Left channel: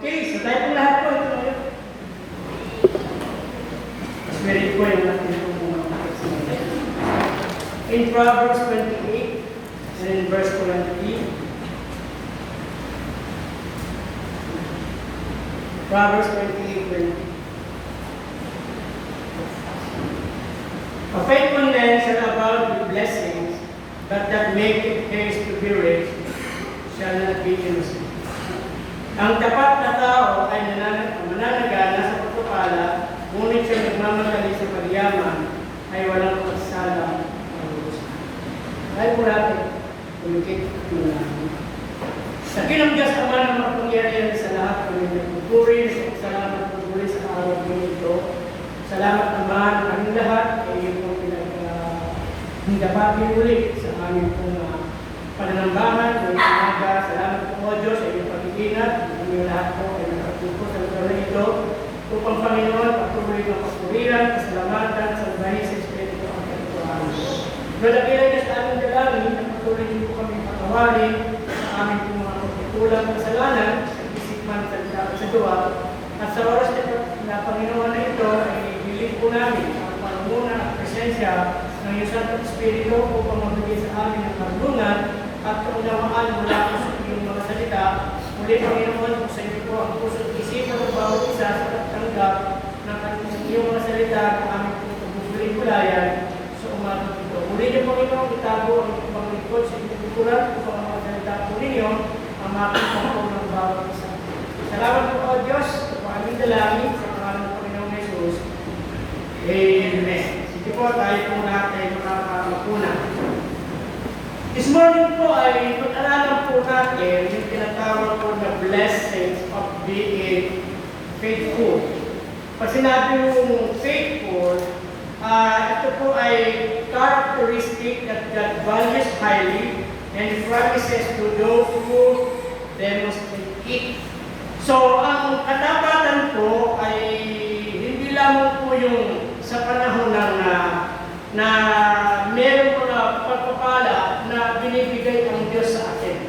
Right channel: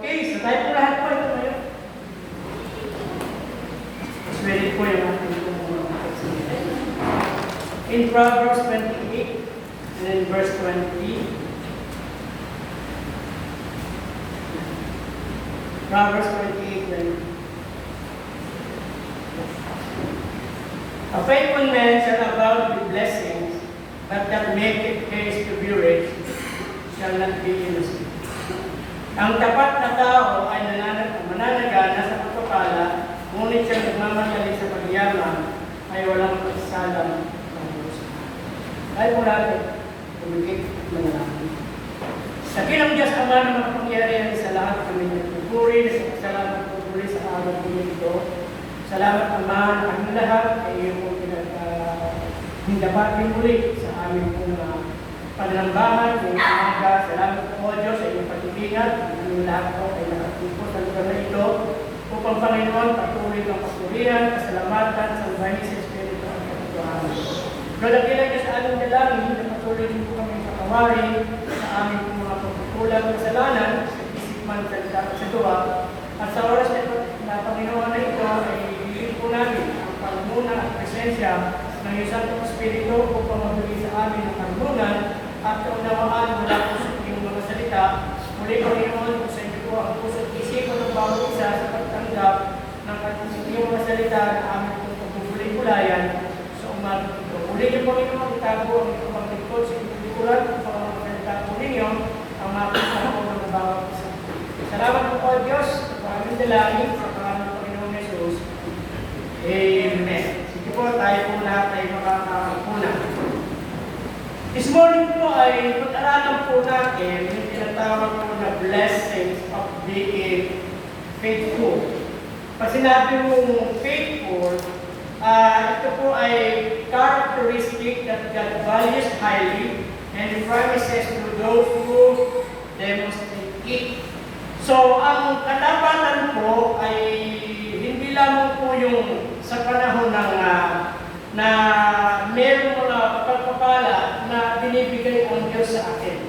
Okay, so tayo po lahat po ito ngayon. Mas ready po yung ating mga text ngayon. In Proverbs 28, and in verse 23, Proverbs 28:20. A faithful man shall abound with blessings, but that maketh haste to be rich shall not be innocent. Ang tapat na tao ay mananagana sa pagpapala, ngunit siyang nagmamadali sa pagyaman ay walang pagsalang pag-uusap. Dahil po natin, tumikit manalangin. Sa kinang Diyos Ama na makapangyarihan sa lahat, kami nagpupuri, sa salamat pupuri sa araw po ito. Salamat naman ang aming lahat ay iyong pinag-hindabati ulit sa aming pong pananambahan, ng umaga. Salamat po, O Diyos, sa iyong pag-ibingat. Ang lahat po ay nakatupo sa lugar na ito. Upang Panginoon, patuloy ng papurihan, kasalamatan, sa bahay sa Espiritu ang pagkuhaan. Lord, akilay ka sa aming dalangin, na patuloy po kami pakawarin sa aming pong mga pagkukulang kasalanan, sa isip man, sa sa gawa. At sa oras na Panginoon na ito, ay hiling po namin ang pangmuna at presensya ng iyong Santong Espiritu upang magbigay sa amin ang karunungan at kaunawaan mula po sa iyong mga salita. Muli Panginoon, sa iyo po ang puso at isipan ng bawat isa sa pagtanggap ng iyong mga salita na aming pagbubulig-bulayan sa umagang ito. Muli niyo Panginoon, itago ang iyong paglingkod sa iyong likuran upang ang mga salita po ninyo ang makita po ng bawat isa. Salamat po o Diyos sa aming dalangin sa pangalan ng Panginoong Jesus. Amen. Sige po, tayo po lahat ay makakapuna. This morning po ay pag-aralan po natin yung tinatawag po na blessings of being faithful. Pag sinabi mong faithful, ito po ay characteristic that God values highly and promises to those who demonstrate it. So, ang katapatan po ay hindi lamang po yung sa panahon ng na meron mga pagpapala na binibigay ang Diyos sa akin.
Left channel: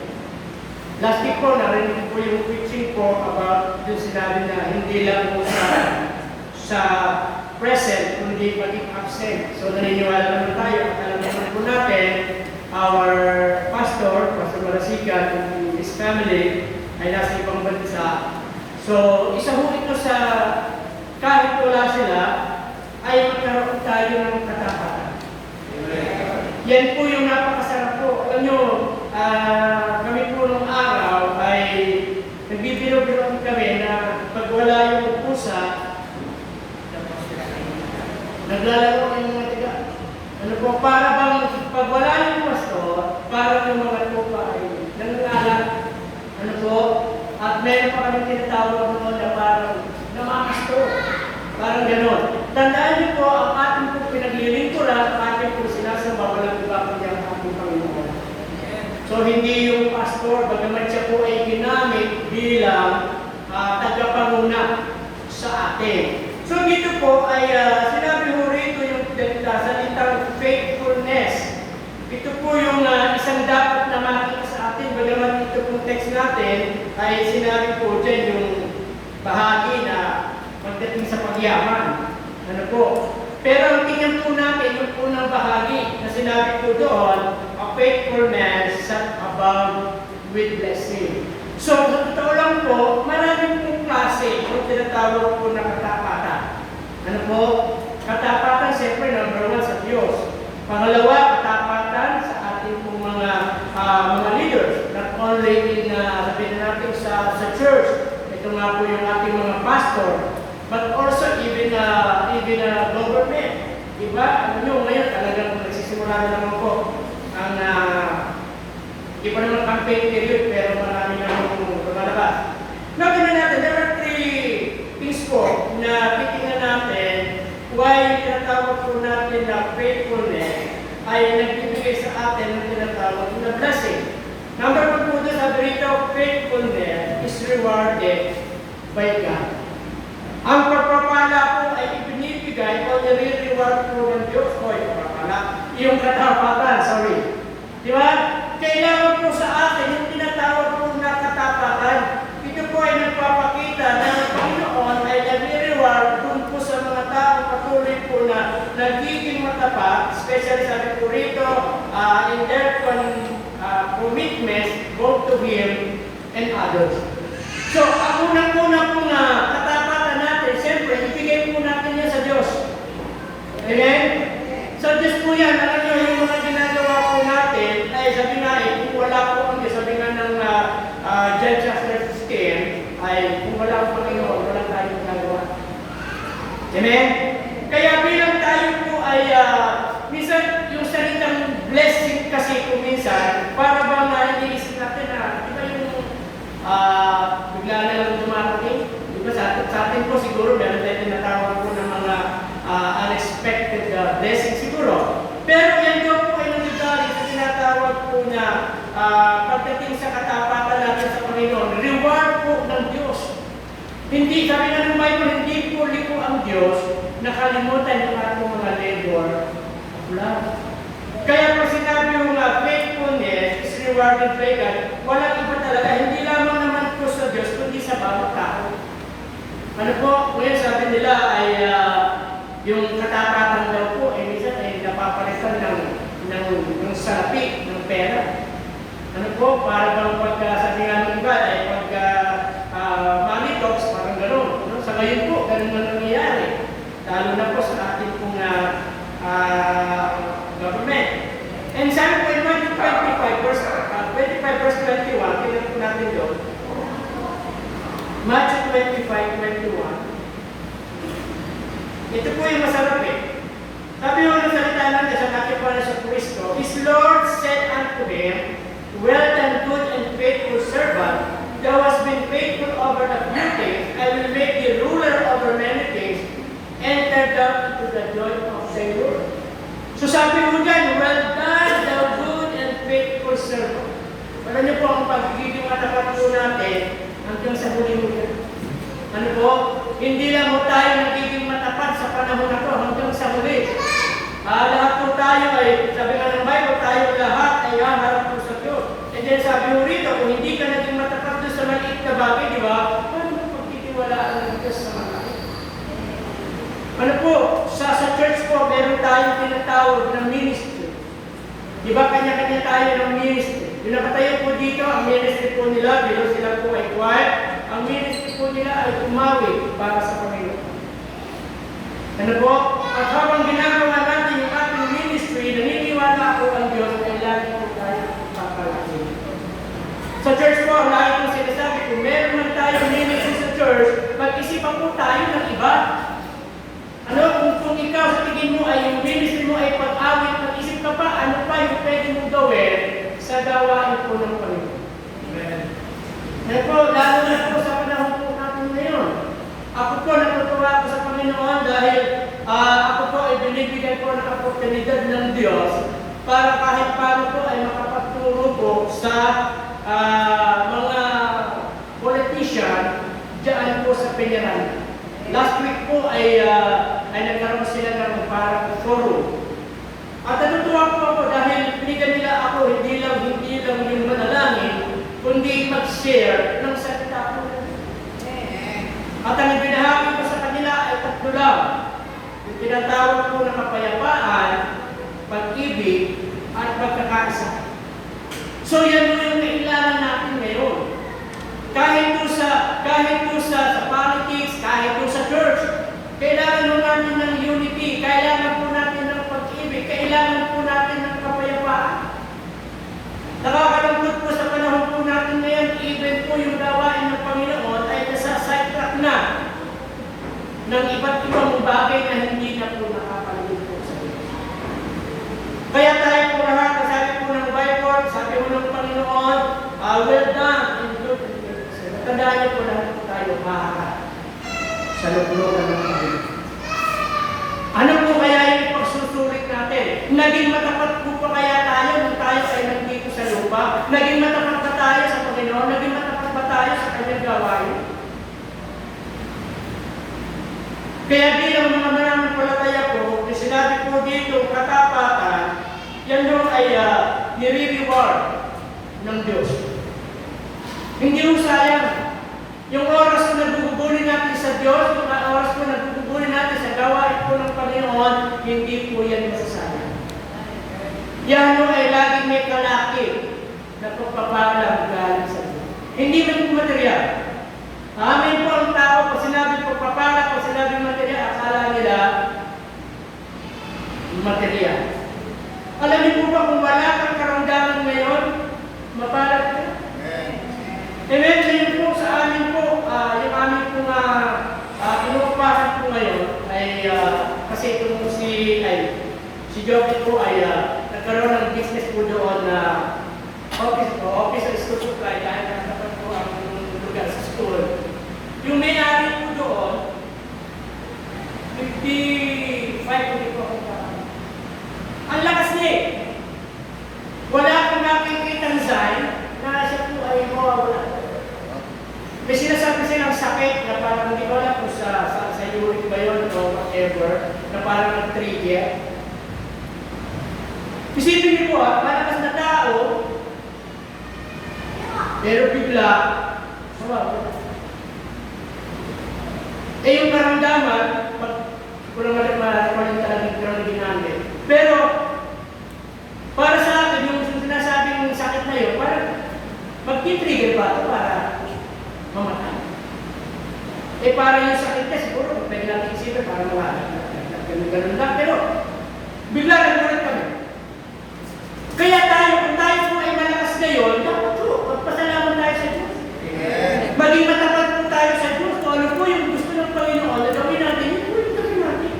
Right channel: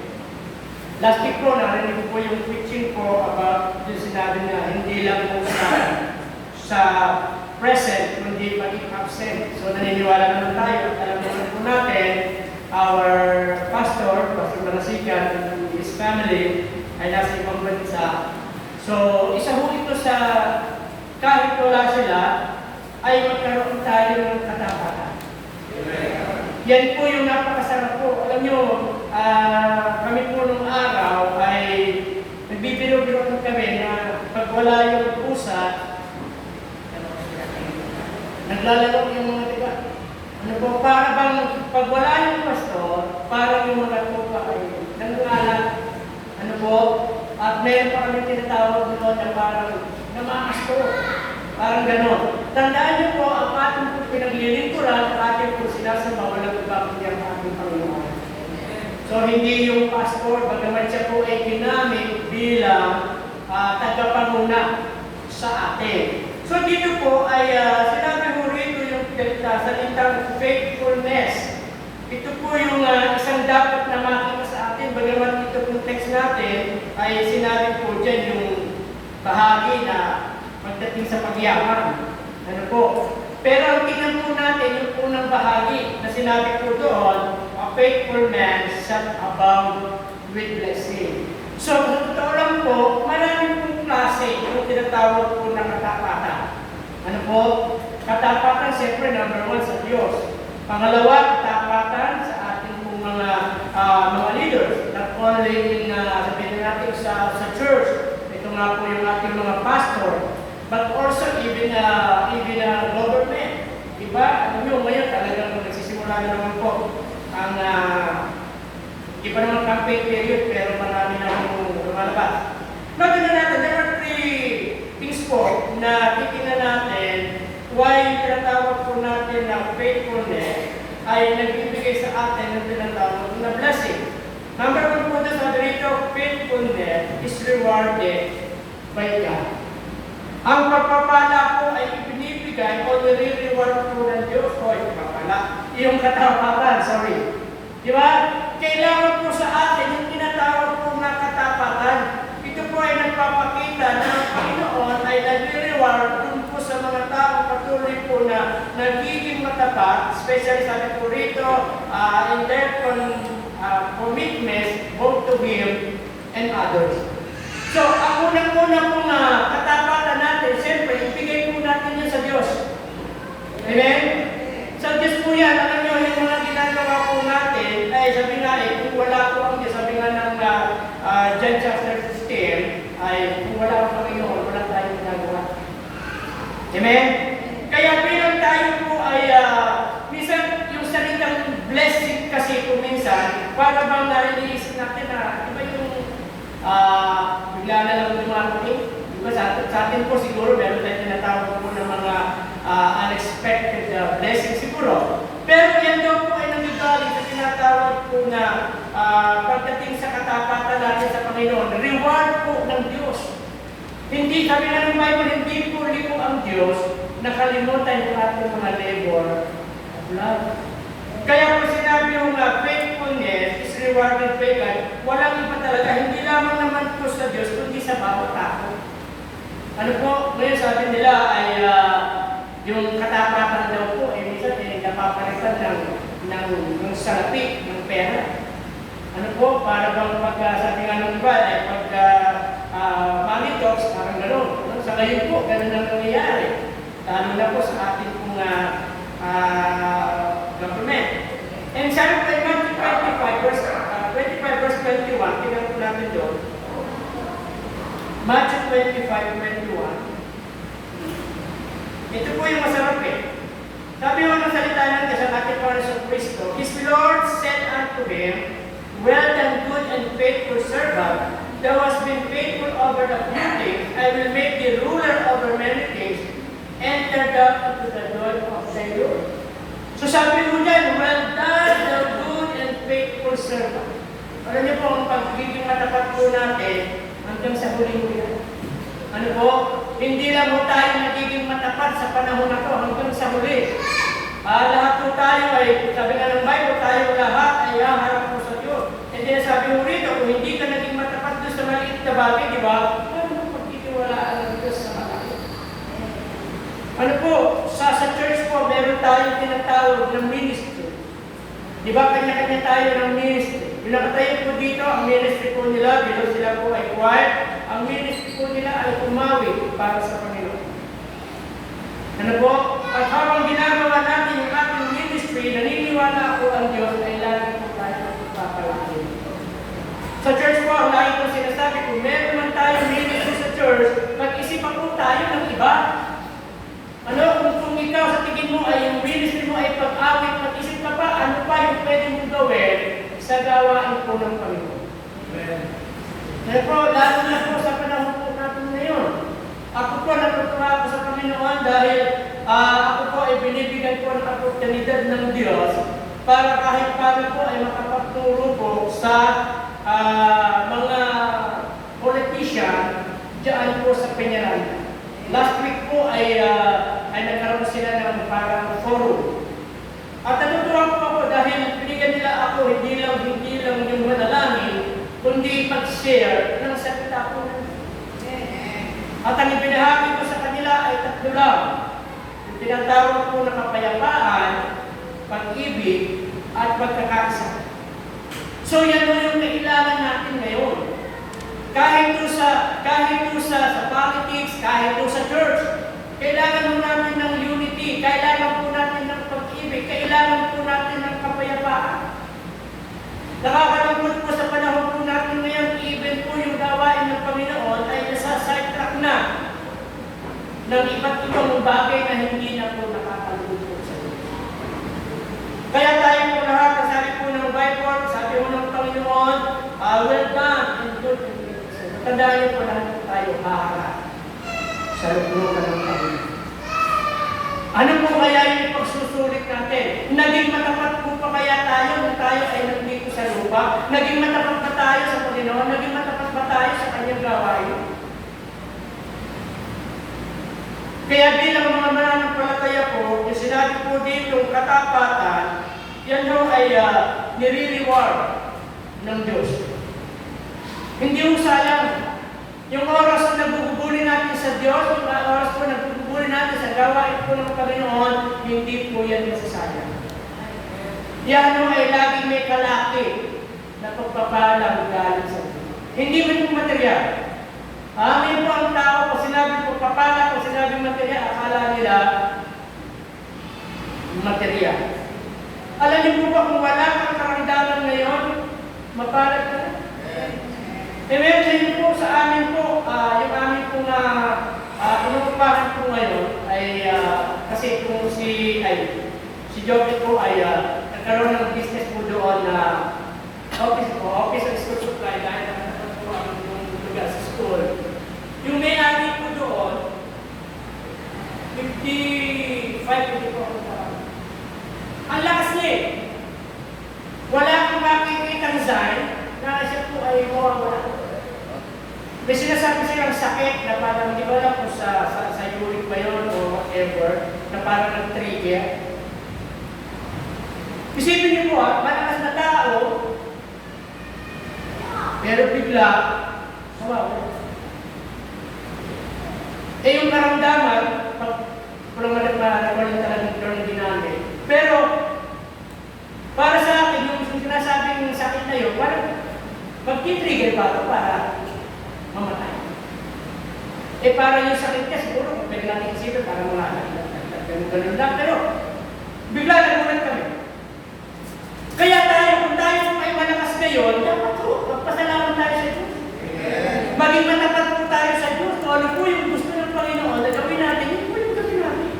Last week po, narinig po yung preaching po about yung sinabi na hindi lang po sa present, kundi paging absent. So, naniniwala naman tayo at alam naman po natin, our pastor, Pastor Marasigan, and his family, ay nasa ibang bansa. So, isa ho ito sa kahit wala sila, ay magkaroon tayo ng katapatan. Yan po yung napakasarap po. Alam nyo, kami po nung araw ay nagbibiro-biro kami na pag wala yung pusa, naglalaro yung mga tiga. Ano po, para bang pag wala yung pastor, para yung mga tupa ay nangangalan. Ano po, at meron pa kami tinatawag doon na parang namakastro. Parang gano'n. Tandaan niyo po, ang ating po pinaglilingkuran at ating po sinasamba, walang iba kundi ang ating Panginoon. So, hindi yung pastor, bagaman siya po ay ginamit bilang tagapanguna sa atin. So, dito po ay sinabi mo rito yung salitang faithfulness. Ito po yung isang dapat na makikita sa atin, bagaman ito pong text natin, ay sinabi po dyan yung bahagi na pagdating sa pagyaman. Ano po? Pero ang tingnan po natin yung unang bahagi na sinabi po doon, a faithful man set above with blessing. So, totoo lang po, maraming pong klase yung tinatawag po na katapatan. Ano po? Katapatan, siyempre, number one sa Diyos. Pangalawa, katapatan sa ating pong mga leaders. Not only in, sabihin natin sa church, ito nga po yung ating mga pastor, but also even government. Diba? Alam nyo, ngayon talagang nagsisimula na naman po ang hindi pa naman campaign period, pero marami na yung lumalabas. Maganda natin, there are three things po na titingnan natin why yung tinatawag po natin na faithfulness ay nagbibigay sa atin ng tinatawag na blessing. Number one po doon, sabi rito, faithfulness is rewarded by God. Ang pagpapala po ay ibinibigay o nire-reward po ng Diyos o yung pagpapala. Yung katapatan, sorry. Di ba? Kailangan po sa atin yung tinatawag po na katapatan. Ito po ay nagpapakita matapat, especially sabi po rito, in their commitments both to Him and others. So, ang unang-una pong katapatan natin, siyempre, ibigay po natin yan sa Diyos. Amen? Sa Diyos po yan, alam nyo, yung mga ginagawa po natin, ay sabi na, kung wala po ang sabi nga ng John chapter 16, ay kung wala ang Panginoon, wala tayong ginagawa. Amen? Kaya bilang tayo po ay, minsan yung salitang blessing kasi kung minsan, para bang iniisip natin na, di ba yung bigla na lang dumarating? Di ba sa atin po siguro, meron tayo tinatawag po ng mga unexpected blessing siguro. Pero yan daw po ay nangyayari sa tinatawag po na pagdating sa katapatan natin sa Panginoon, reward po ng Diyos. Hindi, sabi nga ng Bible, hindi po liko ang Diyos, nakalimutan po natin mga labor of love. Kaya po sinabi yung faithfulness is rewarded by God, walang iba talaga, hindi lamang naman po sa Diyos, kundi sa bawat tao. Ano po, ngayon sabi nila ay yung katapatan daw po, minsan napapalitan ng salapi, ng pera. Ano po, para bang sabi nga ng iba, ay money talks, parang gano'n. Sa ngayon po, gano'n na nangyayari. Lalo na po sa ating pong government. And sabi po in Matthew 25 verse 21, kinan po natin doon. Matthew 25:21. Ito po yung masarap eh. Sabi mo ng salita natin sa Matthew para sa Kristo, His Lord said unto him, well done, good and faithful servant, thou hast been faithful over the few things, I will make thee ruler over many things, enter thou into the joy of thy Lord. So sabi mo dyan, well done, thou good and faithful servant. Alam niyo po, ang pagiging matapat po natin, hanggang sa huli-huli. Ano po? Hindi lang po tayo nagiging matapat sa panahon na to hanggang sa huli. Lahat po tayo ay, sabi na ng Bible, tayo lahat ay haharap po sa Diyos. And then sabi mo rito, kung hindi ka naging matapat doon sa maliit na bagay, di ba? Paano pagtitiwalaan ng Diyos sa malaki? Ano po? Sa church po, meron tayong tinatawag ng ministry. Di ba? Kanya-kanya tayo ng ministry. Yung nakatayo po dito, ang ministry po nila, bilang sila po ay choir, ang ministry po nila ay umawit para sa Panginoon. Ano po? At habang ginagawa natin yung ating ministry, naniniwala po ang Diyos ay lagi po tayo papalagin. Sa church po, ang lagi po sinasabi, kung meron man tayo ministry sa church, mag-isipan po tayo ng iba. Ano, kung ikaw sa tingin mo ay yung ministry mo ay pag-awit, mag-isip ka pa, ano pa yung pwede mong gawin sa gawain po ng Panginoon. Amen. Ngayon po, lalo na po sa panahon po natin ngayon. Ako po, natutuwa ako sa Panginoon dahil ako po ay binibigyan po ng oportunidad ng Diyos para kahit paano po ay makapagturo po sa mga politician dyan po sa Peñaran. Last week po ay nagkaroon sila ng parang forum. At natutuwa po ako dahil binigyan nila ako hindi lang yung manalangin, kundi mag-share ng salita po. At ang ibinahagi ko sa kanila ay tatlo lang. Yung tinatawag po na kapayapaan, pag-ibig, at pagkakaisa. So yan yung kailangan natin ngayon. Kahit po sa politics, kahit po sa church, kailangan po natin ng unity, kailangan po natin ng pag-ibig, kailangan po natin ng kapayapaan. Nakakalungkot po sa panahon po natin ngayon, even po yung gawain ng Panginoon ay nasa sidetrack na ng iba't ibang bagay na hindi na po nakakalungkot sa Diyos. Kaya tayo po lahat, sabi po ng Bible, sabi mo ng Panginoon, well done in good and faithful servant. Tandaan niyo po lahat po tayo maharap sa loob-looban ng Panginoon. Ano po kaya yung pagsusulit natin? Naging matapat po pa kaya tayo nung tayo ay nandito sa lupa? Naging matapat ba tayo sa Panginoon? Naging matapat ba tayo sa kanyang gawain? Kaya bilang mga maraming palataya po, yung sinabi po dito, katapatan, yan daw ay nire-reward ng Diyos. Hindi ho sayang. Yung oras na nagugugulin natin sa Diyos, yung oras po nagugugulin natin sa gawain po ng Panginoon, hindi po yan masasayang. Yan o ay laging may kalakip na pagpapalang galing sa Diyos. Hindi man yung material. Amin po ang tao, pag sinabing pagpapala, pag sinabing material, akala nila material. Alam niyo po ba kung wala kang karamdaman ngayon, mapalad ka? Meron din po sa amin po, yung amin po na inuupahan po ngayon ay kasi itong si Joby po ay nagkaroon ng business po doon na office of school supply dahil nakatapat po ang lugar sa school. Yung may-ari po doon, 55 po ako nagkakaroon. Ang lakas niya eh. Wala kang makikitang sign na siya po ay mawawala. May sinasabi silang sakit na parang hindi ko alam kung sa uric ba yun o whatever, na parang nag-trigger. Isipin niyo po malakas na tao, pero bigla, mawawala. Eh yung karamdaman, pag pulang talagang ng ginamit. Pero, para sa akin, yung sinasabing sakit na yun, parang mag-trigger ba ito para mamatay? Eh para yung sakit ka, siguro, pwede natin isipin para mawala. Ganun lang. Pero, bigla nagulat kami. Kaya tayo, kung tayo kung ay malakas ngayon, dapat po, magpasalamat tayo sa Diyos. Maging matapat po tayo sa Diyos. Kung ano po yung gusto ng Panginoon, na gawin natin, yun po yung gawin natin.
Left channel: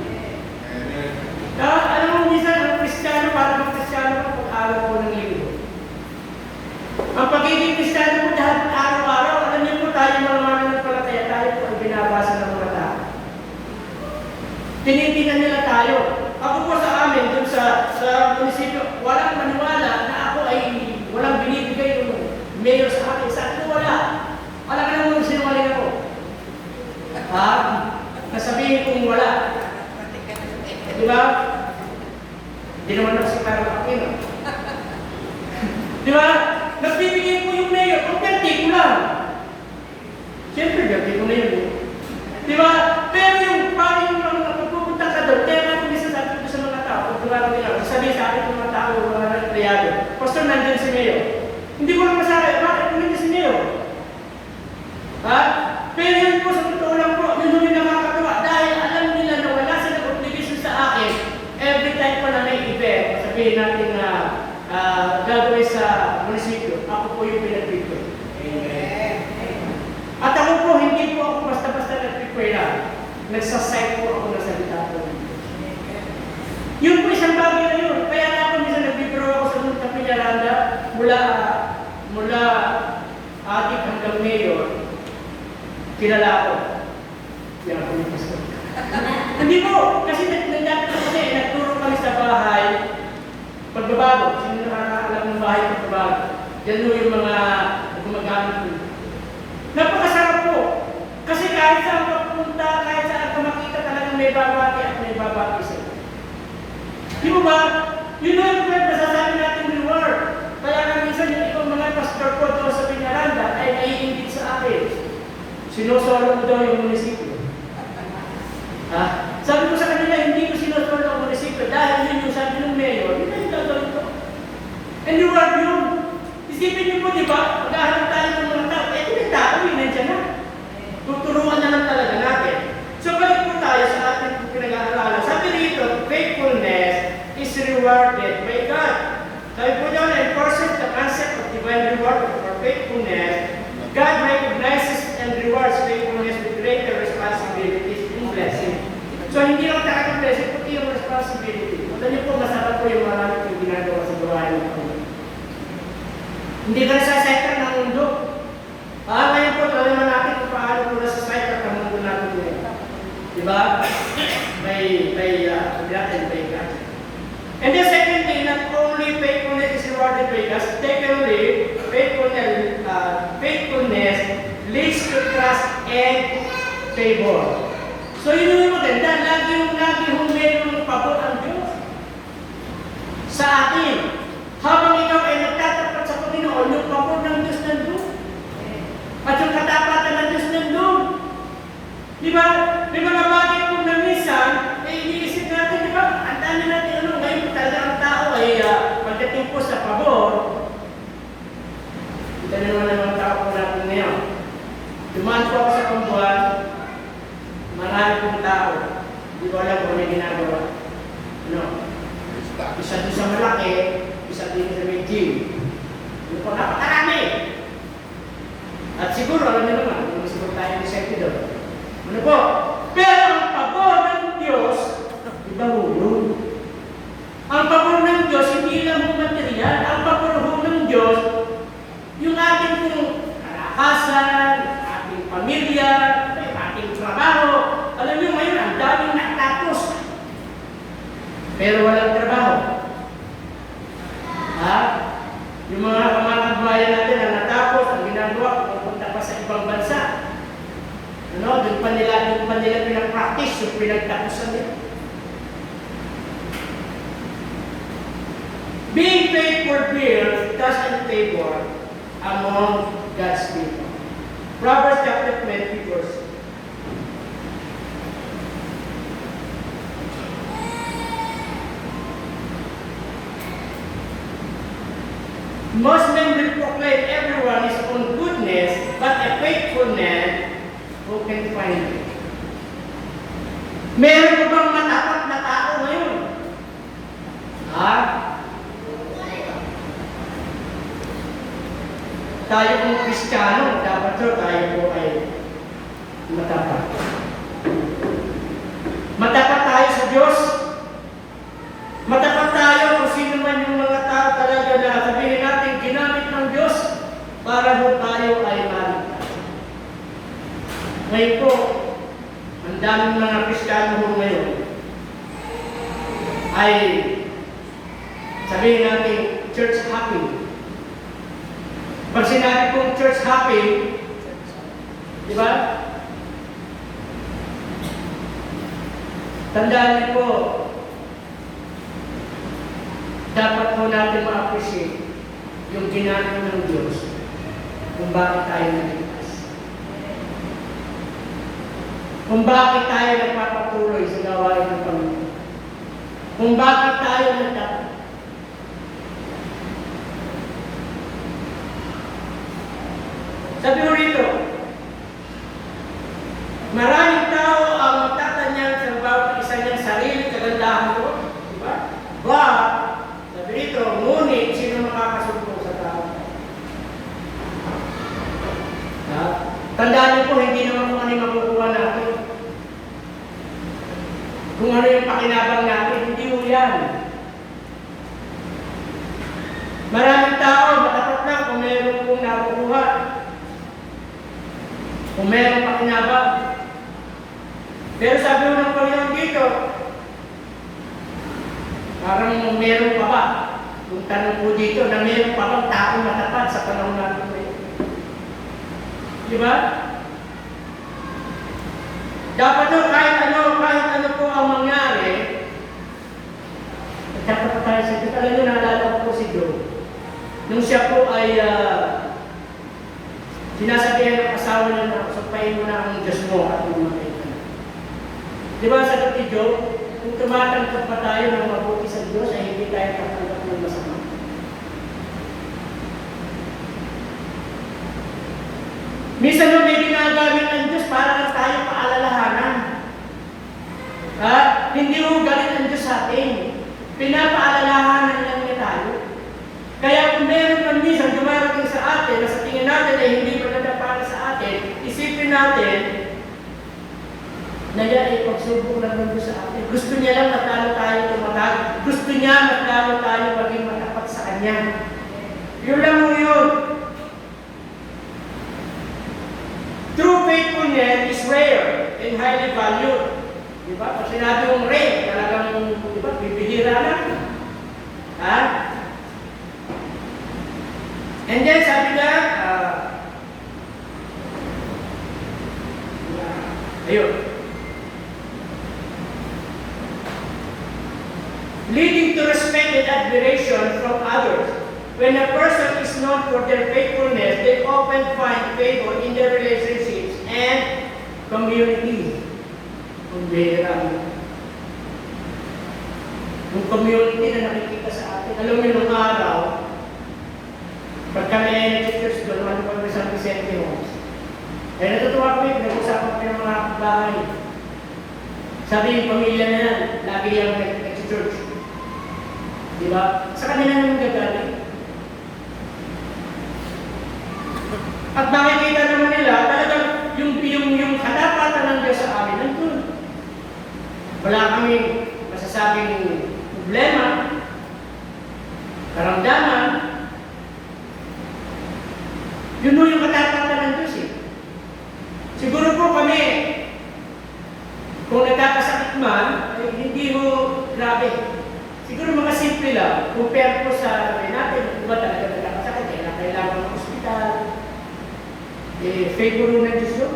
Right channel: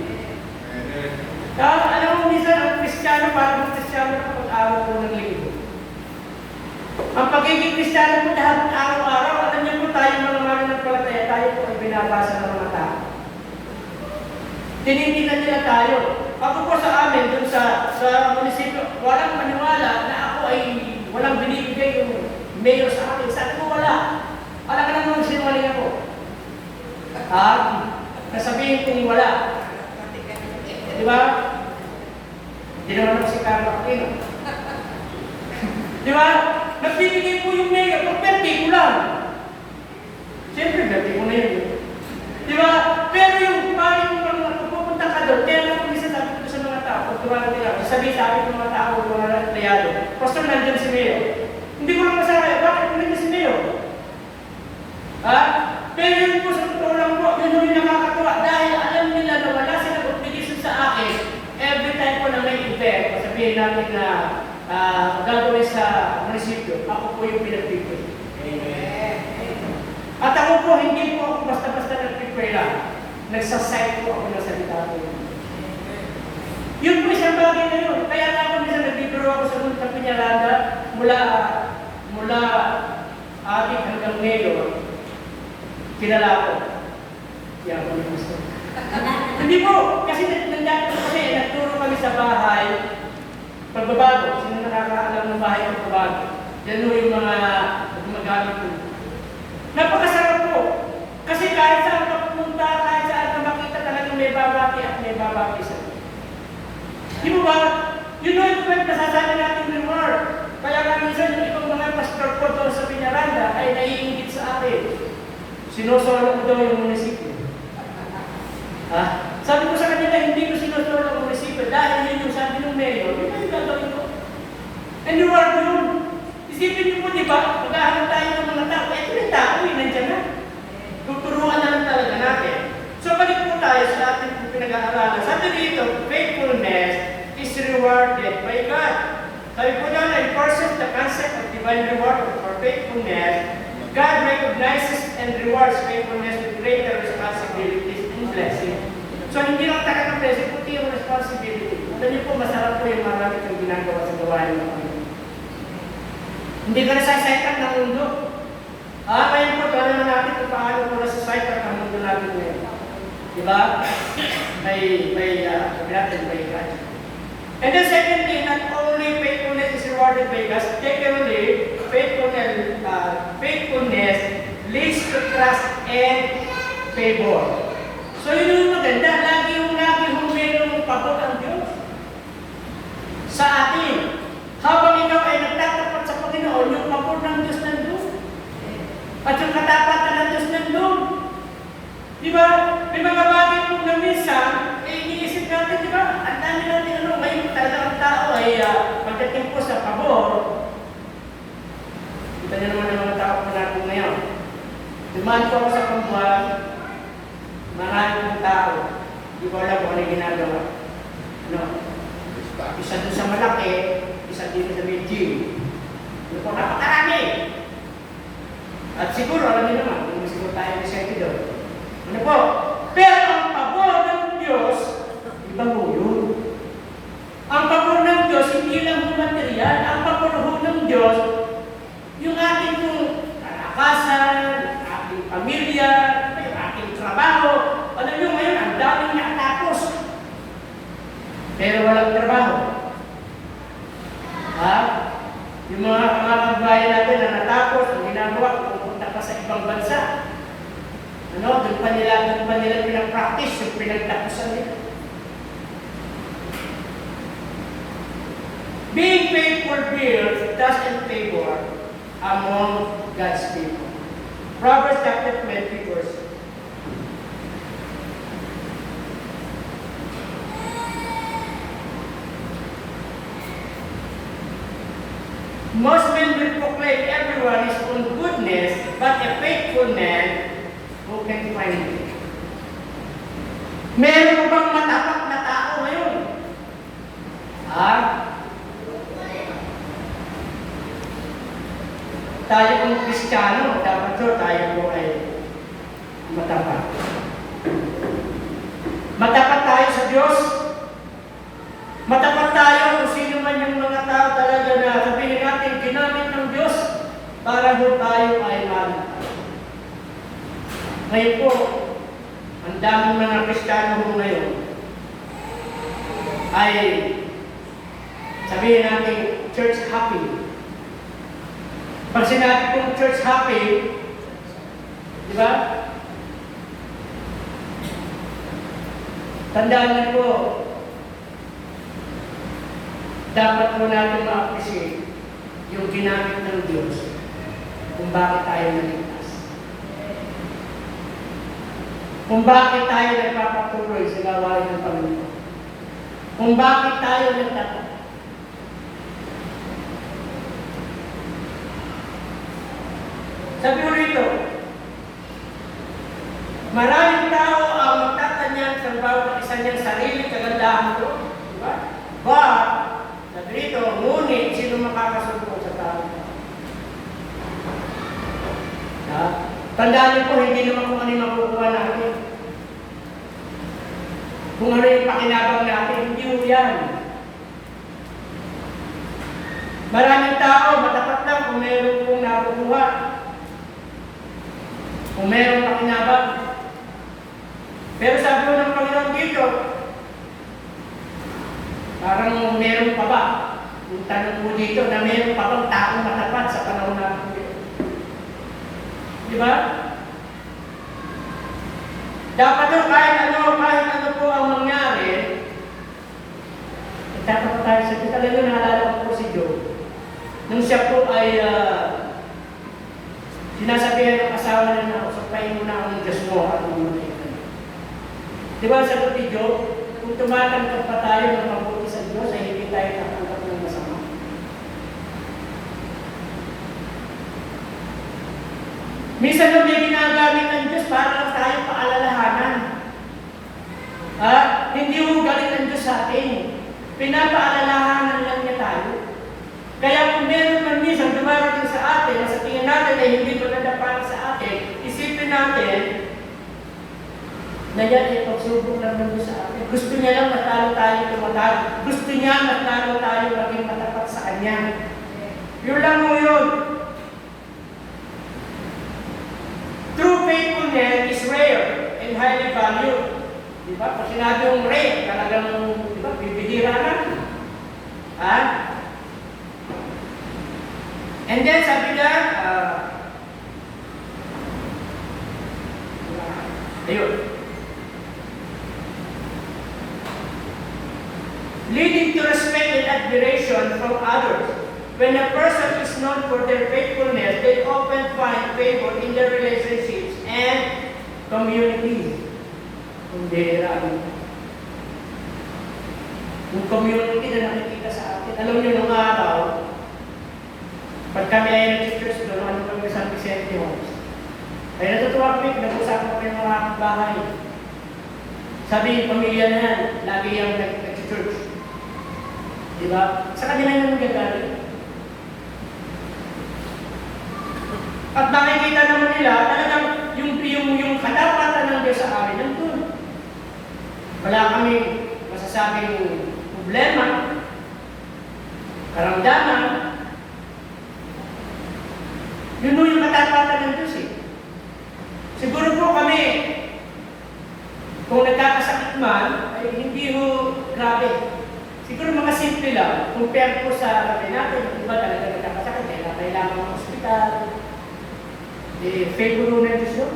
Alam mo, minsan, ang Kristiyano, parang Kristiyano kapag-araw po ng linggo. Ang pagiging Kristiyano po lahat araw-araw, alam niyo po tayo mga mananampalataya, tayo po ay binabasa ng mga tao. Tinitingnan nila tayo. Ako po sa amin, dun sa munisipyo, walang maniwala na ako ay walang binibigay yung mayor sa akin. Saan ko wala? Alam ka naman sinungaling ako. Nasabihin kong wala. Diba? Hindi naman ako si Carlo Aquino. Diba? Nagbibigay po yung mayor, kung birthday ko lang. Siyempre, birthday ko na yun. Diba? Pero yung paano yung pupunta ka doon, kaya natin minsan sabi ko sa mga tao, pag duwara nila, sabihin sa akin ng mga tao, mga empleyado, Pastor, nandiyan si mayor. Hindi ko lang masabi, bakit hindi si mayor? Pero yun po sa totoo lang po, yun yung nakakatawa, dahil alam nila na wala silang obligation sa akin, every time po na may event, sabihin natin na gagawin sa munisipyo, ako po yung pinag-prepare. Amen. At ako po, hindi po ako basta-basta nag-prepare lang. Nagsasite po ako na salita po. Yun po isang bagay na yun. Kaya na ako minsan nag-prepare ako sa mga Kapinyaranda mula atik hanggang mayor, kilala ko. Yan kami gusto. Hindi po, kasi nagturo kami sa bahay, pagbabago, sino nakakaalam ng bahay pagbabago. Yan mo yung mga gumagamit po. Napakasarap po. Kasi kahit saan papunta, kahit saan ka makita talagang may babaki at may babaki sa iyo. Di mo ba? Yun na yung kwento, nasasabi natin reward. Kaya nga minsan yung ibang mga pastor ko doon sa Piñaranda ay naiingit sa akin. Sinusolo ko daw yung munisipyo. Sabi ko sa kanila, hindi ko sinusolo ang munisipyo dahil yun yung sabi ng mayor, hindi ka gagawin ko. And reward yun. Isipin niyo po, di ba? Maghahanap tayo ng mga tao. Ito yung tao, nandiyan na. Tuturuan na lang talaga natin. So, balik po tayo sa ating pinag-aaralan. Sabi dito, faithfulness is rewarded by God. Sabi po doon, enforces the concept of divine reward for faithfulness. God recognizes and rewards faithfulness with greater responsibilities and blessing. So, hindi lang talagang blessing, puti yung responsibility. Punta niyo po, masarap po yung mga yung ginagawa sa gawain ng Panginoon. Hindi ka nasasaytan ng mundo. Ngayon po, talaman natin kung paano po nasasaytan ng mundo natin ngayon. Diba? May ka. And then secondly, not only faithfulness is rewarded by God, secondly, faithfulness leads to trust and favor. So yun yung maganda, lagi yung pabot ang Diyos sa atin. Habang ikaw ay nagtatapat sa Panginoon, yung pabor ng Diyos nandun. At yung katapatan ng Diyos nandun. Di ba? May mga bagay kung na minsan, iniisip natin, di ba? Ang dami natin, ngayon talaga ang tao ay dumaan po ako sa kumbuhan, marami pong tao. Hindi ko alam kung ano yung ginagawa. Ano? Isa doon sa malaki, isa dito sa may gym. Ano po, napakarami. At siguro, alam niyo naman, hindi siguro tayo ni Sergio. Ano po? Pero ang pabor ng Diyos, iba po yun. Ang pabor ng Diyos, hindi lang po material. Ang pabor ng Diyos, yung ating pong kalakasan, ating pamilya, yung ating trabaho. Alam niyo ngayon, ang daming nakatapos. Pero walang trabaho. Ha? Yung mga kabayan natin na natapos, ang ginagawa, pupunta pa sa ibang bansa. Ano? Doon pa nila pinag-practice yung pinagtapusan nila. Being faithful builds trust and favor among God's people. Proverbs chapter 20 verse. Most men will proclaim everyone his own goodness, but a faithful man who can find it. Meron bang matapat na tao ngayon? Ha? Tayo kung Kristiyano, dapat tayo po ay matapat. Matapat tayo sa Diyos. Matapat tayo kung sino man yung mga tao talaga na sabihin natin, ginamit ng Diyos para po tayo ay maligtas. Ngayon po, ang daming mga Kristiyano po ngayon ay sabihin natin, church happy. Pag sinabi kong church happy, di ba? Tandaan niyo po, dapat po natin ma-appreciate yung ginamit ng Diyos kung bakit tayo naligtas. Kung bakit tayo nagpapatuloy sa gawain ng Panginoon. Kung bakit tayo nagtapat. Sabi ko rito, maraming tao ang magtatanyag sa bawat isa niyang sarili kagandahan ko. Diba? But, sabi rito, ngunit sino makakasumpong sa tao? Ha? Tandaan niyo po, hindi naman kung ano yung makukuha natin. Kung ano yung pakinabang natin, hindi mo yan. Maraming tao, matapat lang kung mayroon pong nakukuha. Kung mayroon pakinabang. Pero sabi mo ng Panginoon dito, parang meron pa ba? Kung tanong po dito na meron pa bang tao matapat sa panahon natin ngayon. Di ba? Dapat po kahit ano po ang mangyari, dapat tayo sa Diyos. Alam nyo, naalala ko po si Job. Nung siya po ay sinasabihan ng asawa niya na sampahin mo na ang Diyos mo at umatay ka. Di ba sagot ni Job, kung tumatanggap pa tayo ng mabuti sa Diyos, ay hindi tayo tatanggap ng masama. Minsan nung may ginagamit ng Diyos para lang tayo paalalahanan. Ha? Hindi ho galing ng Diyos sa atin. Pinapaalalahanan lang niya tayo. Kaya kung meron man minsan dumarating sa atin na sa tingin natin ay hindi maganda para sa atin, isipin natin na yan ay pagsubok lang ng Diyos sa atin. Gusto niya lang matalo tayo tumatag. Gusto niya matalo tayo maging matapat sa Kanya. Yun lang mo yun. True faithfulness is rare and highly valued. Diba? Pag sinabi mong rare, talagang diba, bibihira lang. Ha? And then sabi na, ayun. Leading to respect and admiration from others. When a person is known for their faithfulness, they often find favor in their relationships and community. Kung bihira. Yung community na nakikita sa atin. Alam niyo nung araw, pag kami ay nag-church doon, ano pag San Vicente Homes, Kaya natutuwa kami, nag-usapan kami ng mga bahay. Sabi yung pamilya na yan, lagi yung nag-church. Di ba? Sa kanila yung gagaling. At makikita naman nila, talagang yung katapatan ng Diyos sa amin, nandun. Wala kami masasabing problema, karamdaman. Yun yung katapatan ng Diyos eh. Siguro po kami, kung nagkakasakit man, ay hindi mo grabe. Siguro mga simple lang, compare po sa sabi natin, iba talaga nagkakasakit eh, na kailangan ng hospital, favor ng Diyos yun.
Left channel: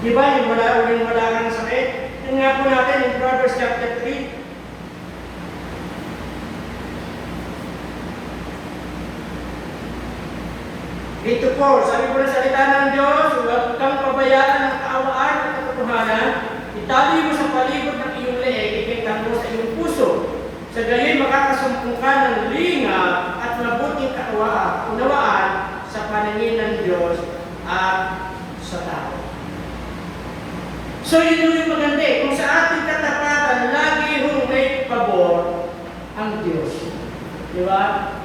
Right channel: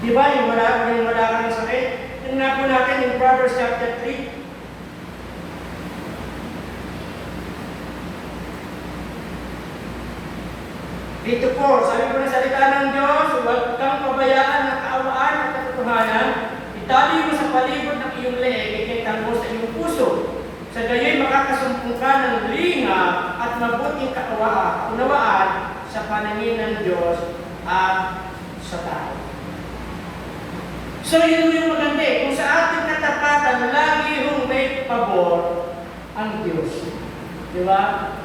Di ba, yung wala kang sakit? Ito nga po natin in Proverbs chapter 3. Ito po, sabi po ng salita ng Diyos, huwag kang pabayaan ng kaawaan at katotohanan, itali mo sa palibot ng iyong leeg, ikitan mo sa iyong puso. Sa gayon makakasumpong ka ng linga at mabuting kaunawaan sa panangin ng Diyos at sa tao. So yun yung maganda eh. Kung sa ating katapatan, lagi hong may pabor ang Diyos. Di ba?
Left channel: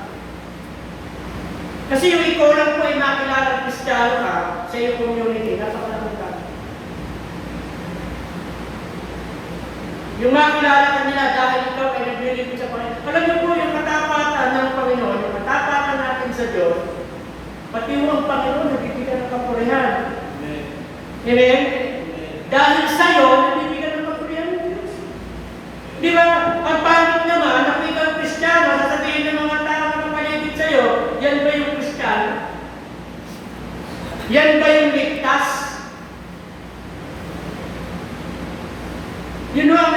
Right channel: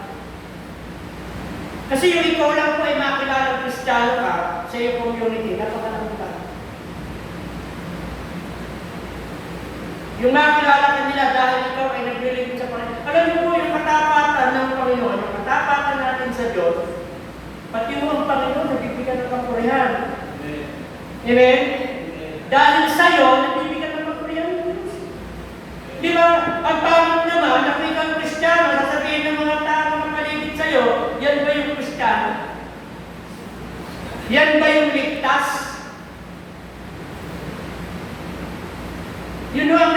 Kasi yung ikaw lang po ay makilala Kristiyano ka sa iyong community, napakalaking ka. Yung makilala ka nila dahil ikaw ay naglilingkod sa Panginoon. Alam niyo po yung katapatan ng Panginoon, yung katapatan natin sa Diyos, pati mo ang Panginoon, nabibigyan ng kapurihan. Amen? Dahil sa'yo, nabibigyan ng kapurihan ng Diyos. Di ba? Ang pangit naman, kung ikaw ang Kristiyano, sasabihin ng mga tao na makaligid sa'yo, yan ba yung Kristiyano? Yan ba yung ligtas? Yun ang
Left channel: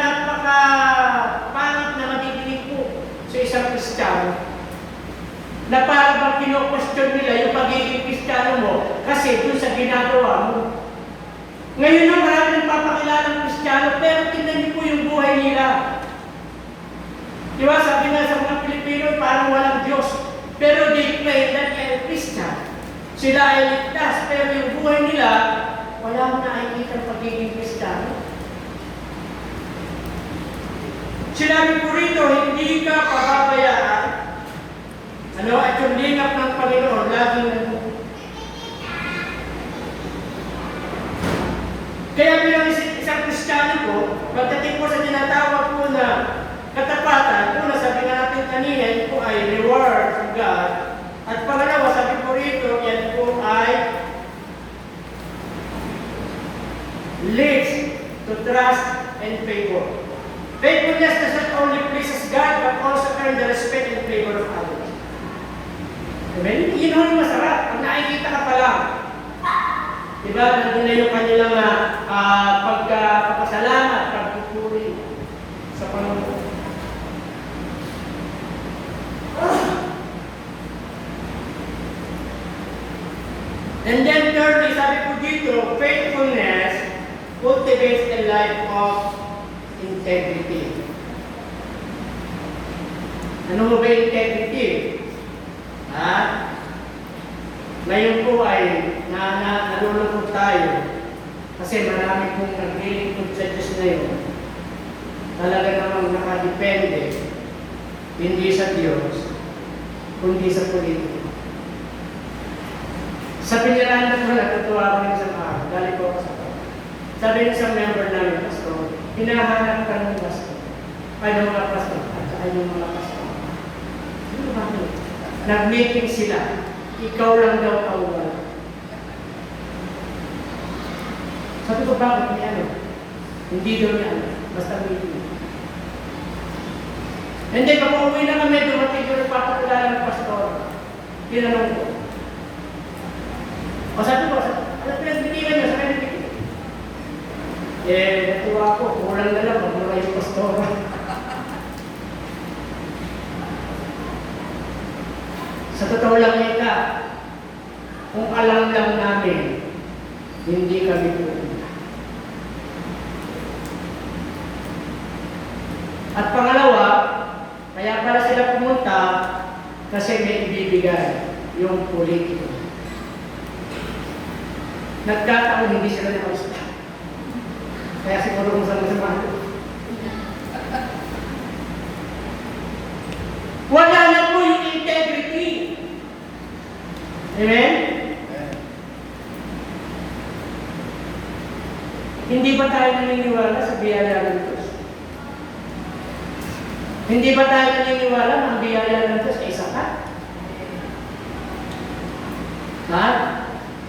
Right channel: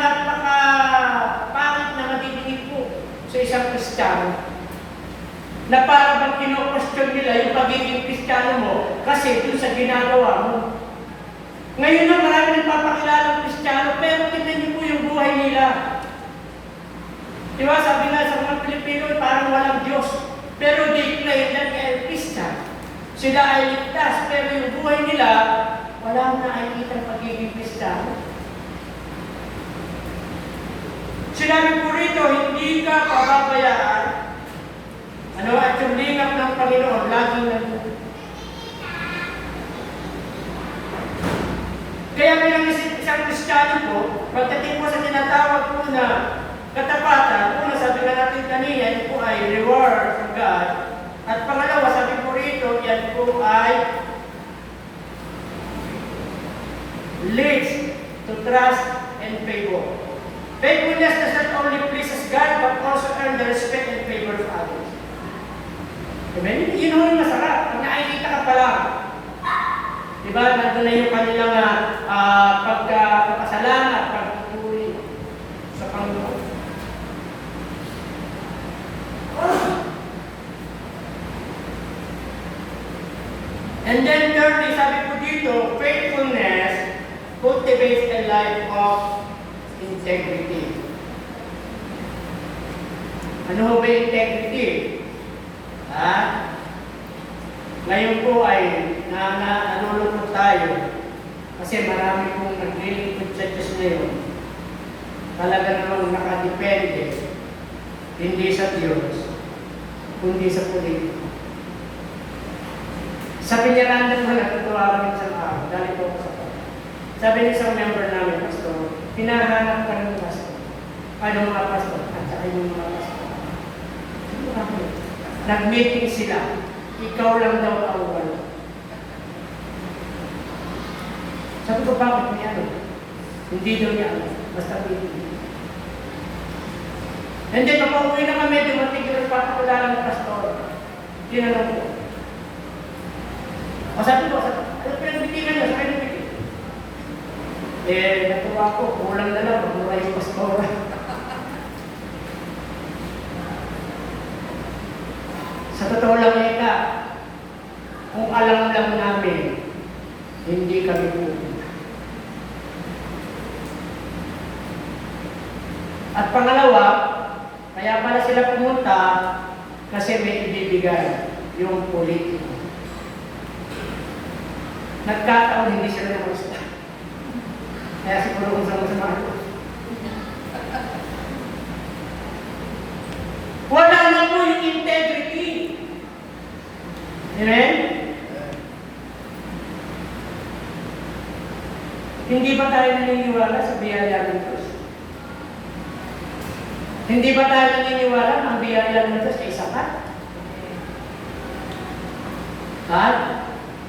napaka-pangit na magiging po sa isang Kristiyano. Na parang bang kino-question nila yung pagiging Kristiyano mo kasi dun sa ginagawa mo. Ngayon na maraming papakilalang Kristiyano, pero tingnan niyo po yung buhay nila. Di ba, sabi na sa mga Pilipino, parang walang Diyos. Pero they claim that they are Christian. Sila ay ligtas, pero yung buhay nila, wala akong nakikita ng pagiging Kristiyano. Sinabi po rito, hindi ka pababayaan. Ano, at yung lingap ng Panginoon, lagi nandun. Kaya bilang isang Kristiyano po, pagdating po sa tinatawag po na katapatan, una sabi nga natin kanina, yan po ay reward from God. At pangalawa, sabi po rito, yan po ay leads to trust and favor. Faithfulness does not only pleases God, but also earn the respect and favor of others. Amen? Yun yung masarap. Pag nakikita ka pa lang, diba, nandun na yung kanilang pagpapasalamat, pagpupuri sa Panginoon. And then thirdly, sabi ko dito, faithfulness cultivates a life of integrity. Ano ba integrity? Ngayon po ay nalulungkot tayo kasi marami pong naglilingkod sa Diyos na yun. Talaga namang nakadepende, hindi sa Diyos, kundi sa politiko. Sa pinirandang mo, natutuwa kami sa mga, dahil po ako sa mga. Sabi niya sa member namin, Pastor, hinahanap ka ng pastor. Ay, ng mga pastor, at saka yung mga pastor. Ano ba yun? Nag-meeting sila. Ikaw lang daw ang wala. Sabi ko, bakit may ano? Hindi daw niya alam. Basta meeting. And then, pag uuwi na kami, dumating ko rin papakilala ng pastor. Tinanong ko. O sabi ko, ano pinag-meetingan niya? Sa pinag-meeting? Natuwa ko. Kulang na lang. Magmura yung pastor. Sa totoo lang ika, kung alam lang namin, hindi kami pupunta. At pangalawa, kaya para sila pumunta, kasi may ibibigay yung politiko. Nagkataon hindi sila nakamusta. Kaya siguro kung sama-sama ito. Wala na po yung integrity. Amen? Hindi ba tayo naniniwala sa biyaya ng Diyos? Hindi ba tayo naniniwala na ang biyaya ng Diyos ay sapat? Lahat?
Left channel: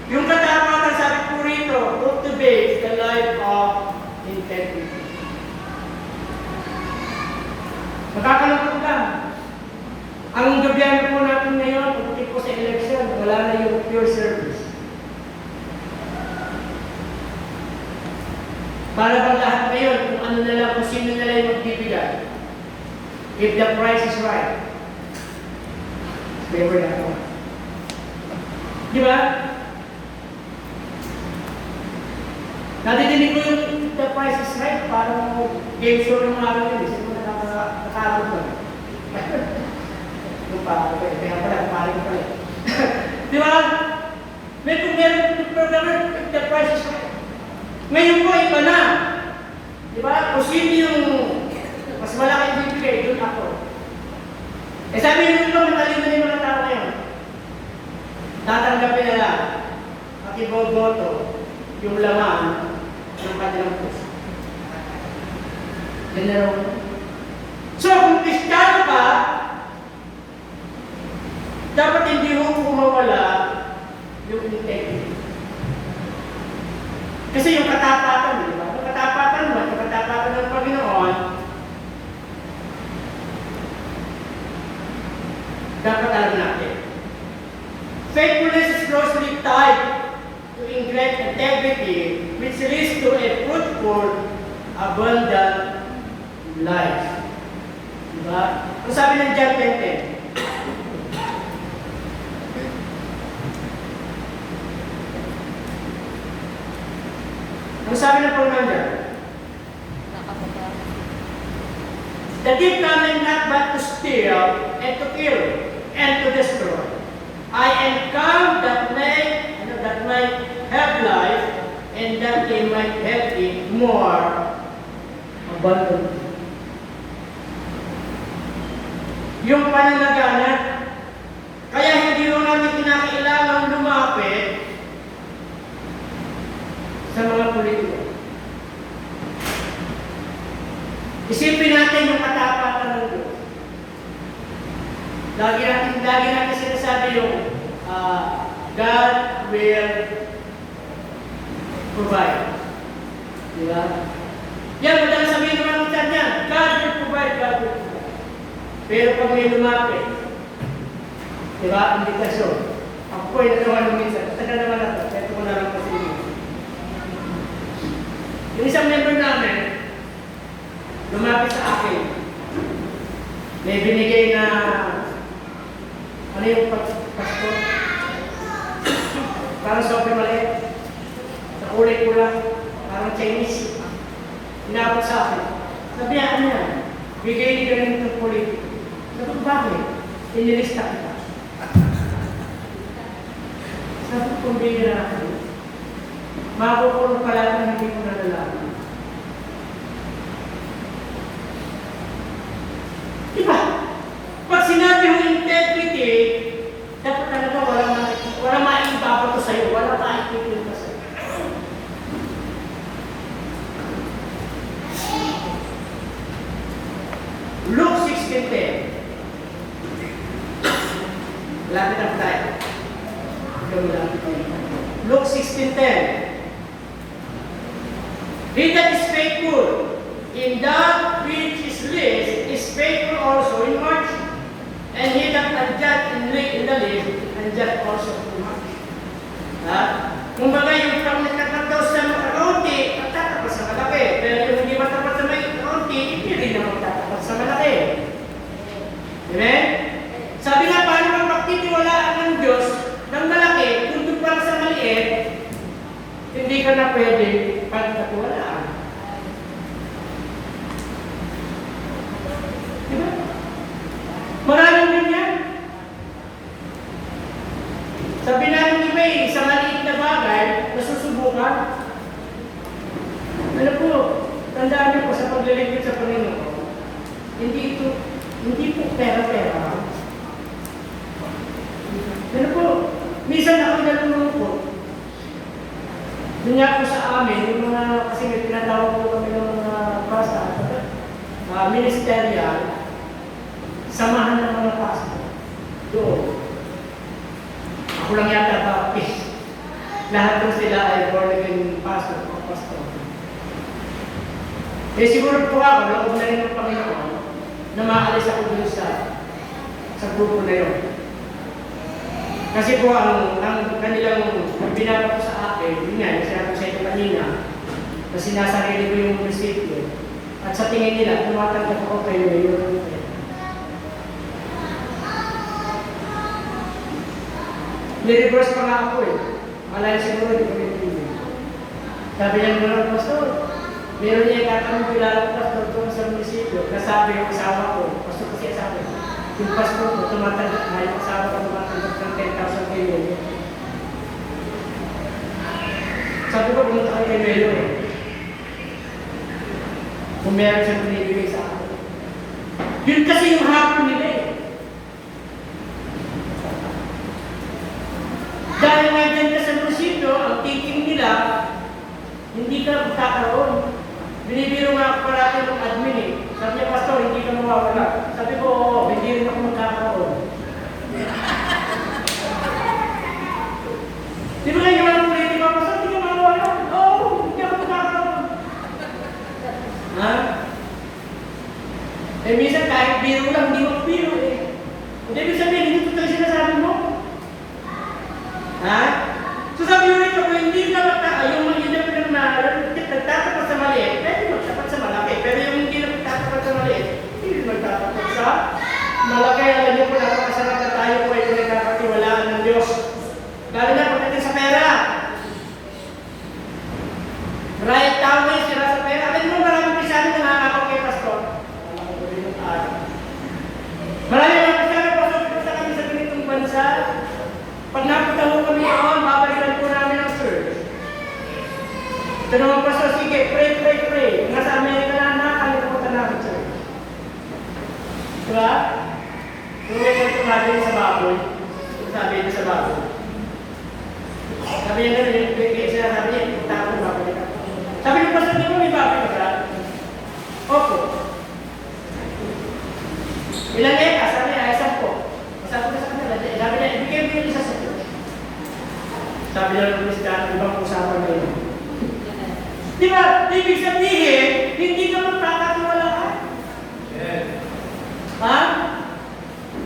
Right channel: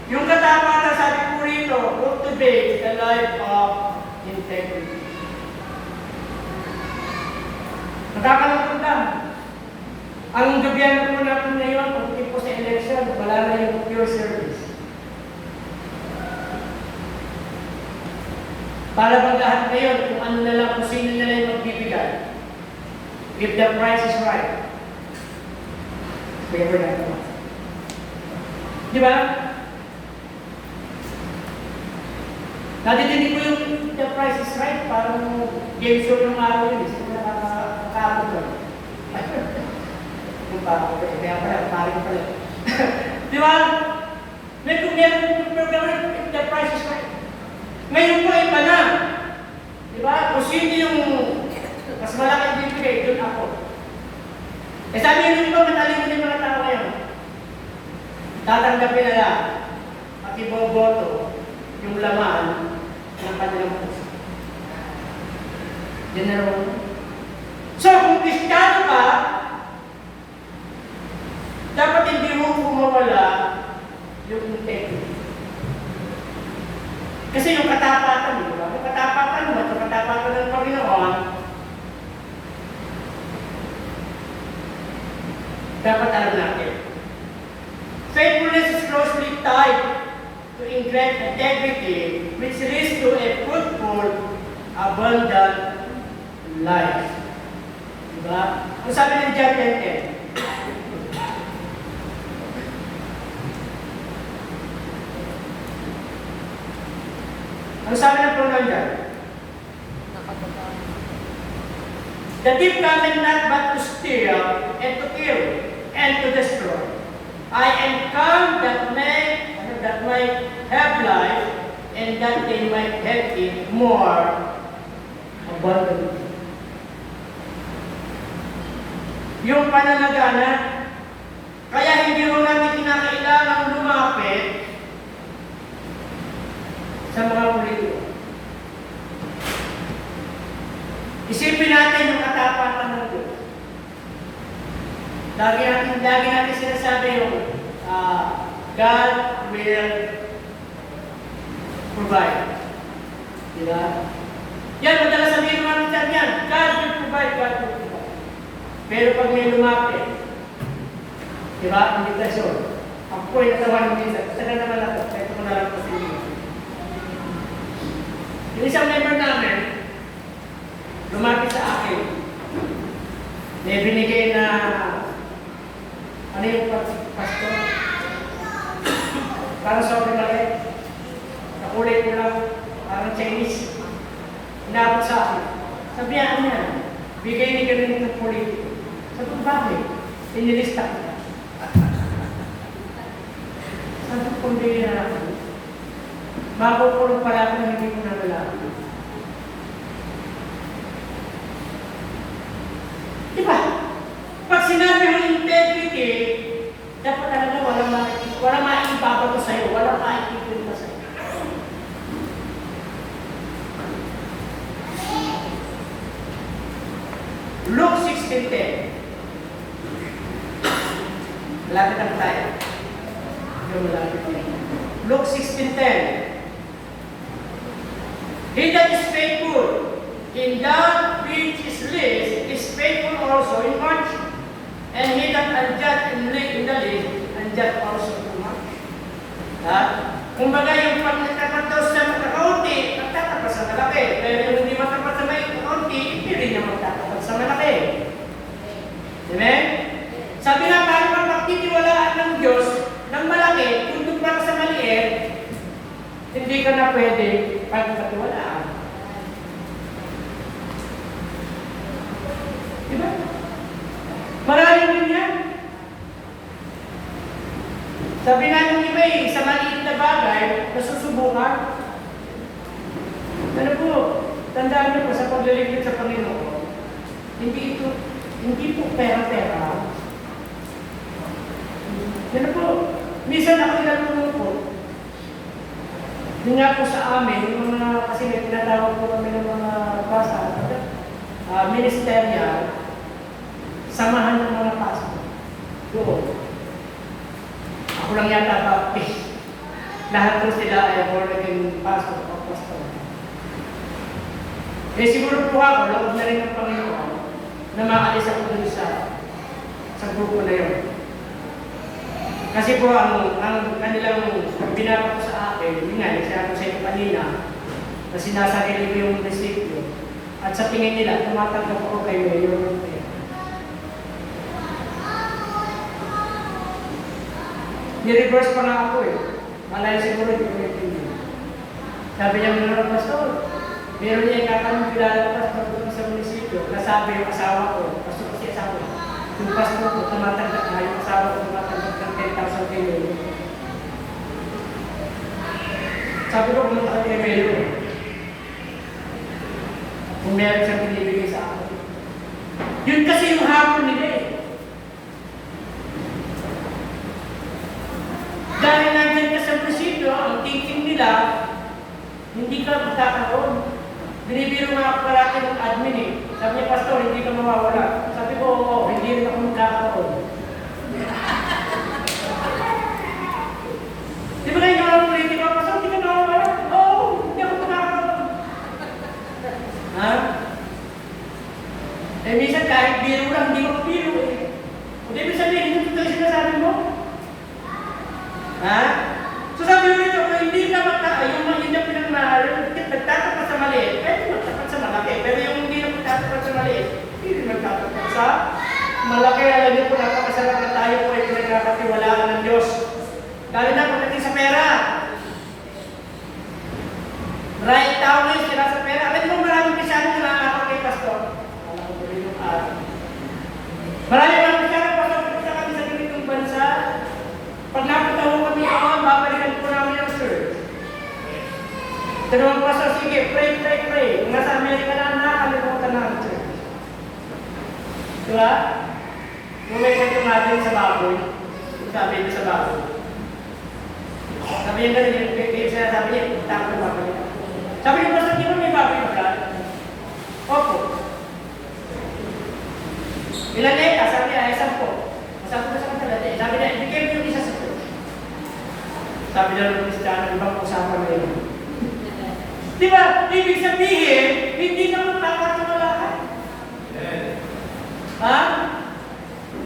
Yung katapatan, sabi ko rito, cultivate the life of integrity. Nakakalapag lang. Ang gobyerno po natin ngayon, pagdating po sa election, wala na yung pure service. Para bang lahat ngayon, kung ano na lang, kung sino na lang yung magbibigay. If the price is right. Favor na ito. Di ba? Natidinig ko yung the price is right, parang game show yung araw yun. Kasi nakakabot lang. Yung parang, kaya pala, paring pala. Di ba? May programa, if the price is right. Ngayon po, iba na. Di ba? Kung sino yung mas malaki bibigay, doon ako. Eh sabi nyo ito, matalino yung mga tao ngayon. Tatanggapin nila at iboboto yung laman ng kanilang puso. Yan na rin. So, kung Kristiyano ka, dapat hindi mo mawala yung integrity. Kasi yung katapatan, di ba? Yung katapatan mo at yung katapatan ng Panginoon, dapat alam natin. Faithfulness is closely tied to integrity, which leads to a fruitful, abundant life. Diba? Kung sabi ng John 10:10, ano sabi ng pronoun dyan? The thief cometh not but to steal, and to kill, and to destroy. I am come that may have life, and that they might have it more abundantly. Yung pananagana, kaya hindi mo namin kinakailangan lumapit sa mga politiko. Isipin natin yung katapatan ng Diyos. Lagi natin sinasabi yung God will provide. Di ba? Yan, madalas sabihin naman natin yan. God will provide, God will provide. Pero pag may lumapit, di ba, invitasyon. Ako po ay nagawa ng minsan. Basta na naman ako. Kaya ko na lang po sila. Yung isang member namin, lumapit sa akin. May binigay na ano yung pastor? Parang sobrang maliit. Nakulay ko lang. Parang Chinese. Inabot sa akin. Sabihan niya, bigay ni ganun itong politiko. Sabi ko, bakit? Inilista kita. Sabi ko, kung bigyan na ako, makukulong pala kung hindi ko nalalaman. Diba? Pag sinabi ng integrity, dapat talaga wala maibabato sa'yo, wala maikipunta sa'yo. Luke 16:10. Malapit na tayo. Luke 16:10. He that is faithful in that which is least is faithful also in much. And he that unjust in the least, unjust also in much. Kung baga yung pag nagkatatos sa kaunti, magtatapas sa malaki. Pero yung hindi matapas sa may kaunti, hindi rin na magtatapas sa malaki. Amen? Sabi na, paano kung pagtitiwalaan ng Diyos ng malaki, kung doon para sa maliit, hindi ka na pwede pagkatiwalaan. Diba? Maraming ganyan. Sabi na ng iba sa maliit na bagay, nasusubukan. Pero po, tandaan niyo po sa paglilingkod sa Panginoon, hindi po pera-pera. Pero po, minsan ako nagtulong po. Yun nga po sa amin, yung mga, kasi may tinatawag po kami ng mga basa, ministerial, samahan ng mga pastor. Doon. Ako lang yata baptist. Lahat po sila ay born again pastor o pastor. Eh siguro po ako, loob na rin ng Panginoon na maalis ako dun sa grupo na yun. Kasi po ang kanilang binaba ko sa akin, yun nga, nagsabi sa ito kanina, na sinasarili ko yung munisipyo. At sa tingin nila, tumatanggap ako kayo yun. Ni-reverse pa nga ako eh. Malay siguro yung pinipili. Sabi niya mga pastor, meron niya ikatanong kilala pastor doon sa munisipyo. Nasabi yung asawa ko, pastor kasi asawa ko. Yung pastor ko, tumatanggap na yung asawa ko tumatanggap ng 10,000 kayo. Sabi ko, pumunta ka kay Melo. Kung meron siyang pinibigay sa akin. Yun kasi yung hapon nila eh. Dahil nandiyan ka sa munisipyo, ang thinking nila, hindi ka magkakaroon. Binibiro nga parati ng admin eh. Sabi niya, pastor, hindi ka mawawala. Sabi ko, oo, hindi rin ako magkakaroon. Di ba hindi ako training ako, pastor, hindi ka mawawala? Oo, hindi ako magkakaroon. Ha? Eh, minsan kahit biro lang, hindi mo biro eh. Hindi ibig sabihin, hindi ito sinasabi mo. Ha? So sabi mo ito, kung hindi ka yung mga hindi nagtatapat sa maliit, pwede magtapat sa malaki. Pero yung hindi nagtatapat sa maliit, hindi magtatapat sa malaki. Alam niyo po, napakasarap na tayo po ay pinagkakatiwalaan ng Diyos. Lalo na pagdating sa pera. Right down na yung sila sa pera. Alam niyo, maraming pisano na nakakapag kay pastor. Alam ko po rin yung ari. Maraming pisano, pastor, sa kami sa ganitong bansa. Pag napunta ho kami noon, babalikan po namin ang church. Tanong pastor, sige, pray. Nasa Amerika lang na, kalimutan namin church. Diba? Kung may kwento natin sa baboy, sabi sa baboy. Sabi niya ganun, kaya sabi niya, takot na baboy. Sabi niya, pastor, di ba may baboy ka? Opo. Ilan eka? Sabi niya, ay 10. Sabi ko sa kanila, sabi niya, ibigay mo yung isa sa church. Sabi niya naman si Dana, ibang usapan ngayon. Di ba? Ibig sabihin, hindi ka magkakatiwalaan. Ha?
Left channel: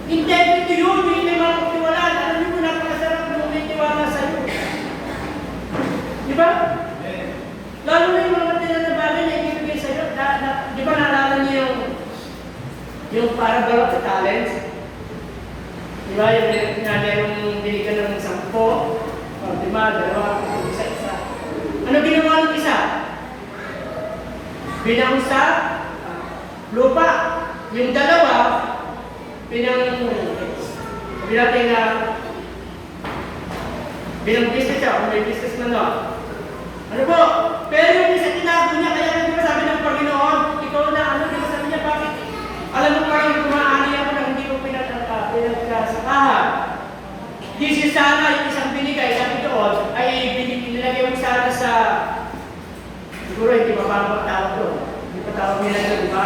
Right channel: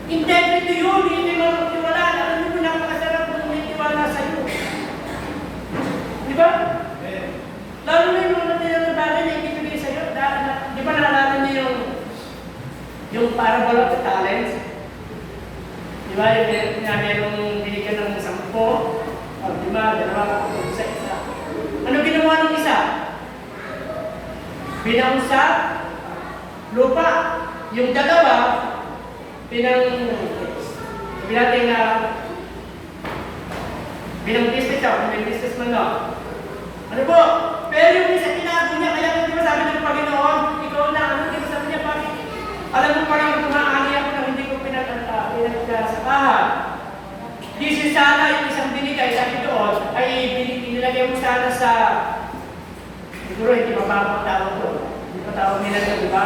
Integrity yun, hindi magkakatiwalaan. Alam niyo kung napakasarap kung may tiwala sa iyo. Di ba? Lalo na yung mga tinatabagay na ibigay sa iyo. Di ba naalala niyo yung parable of the talents? Di ba? Yung merong binigyan ng 10. O, di ba? Dalawa, isa. Ano ginawa ng isa? Binaon sa lupa. Yung dalawa, binang business siya, may business man lang. Ano po? Pero yung isa tinago niya, kaya hindi ba sabi ng Panginoon, ikaw na, ano, di ba sabi niya, bakit? Alam mo parang kumaani ako na hindi ko pinagkasakahan. Di si sana yung isang binigay, sabi doon, ay nilagay mo sana sa, siguro hindi mababang tawag doon. Hindi pa tawag nila doon, di ba?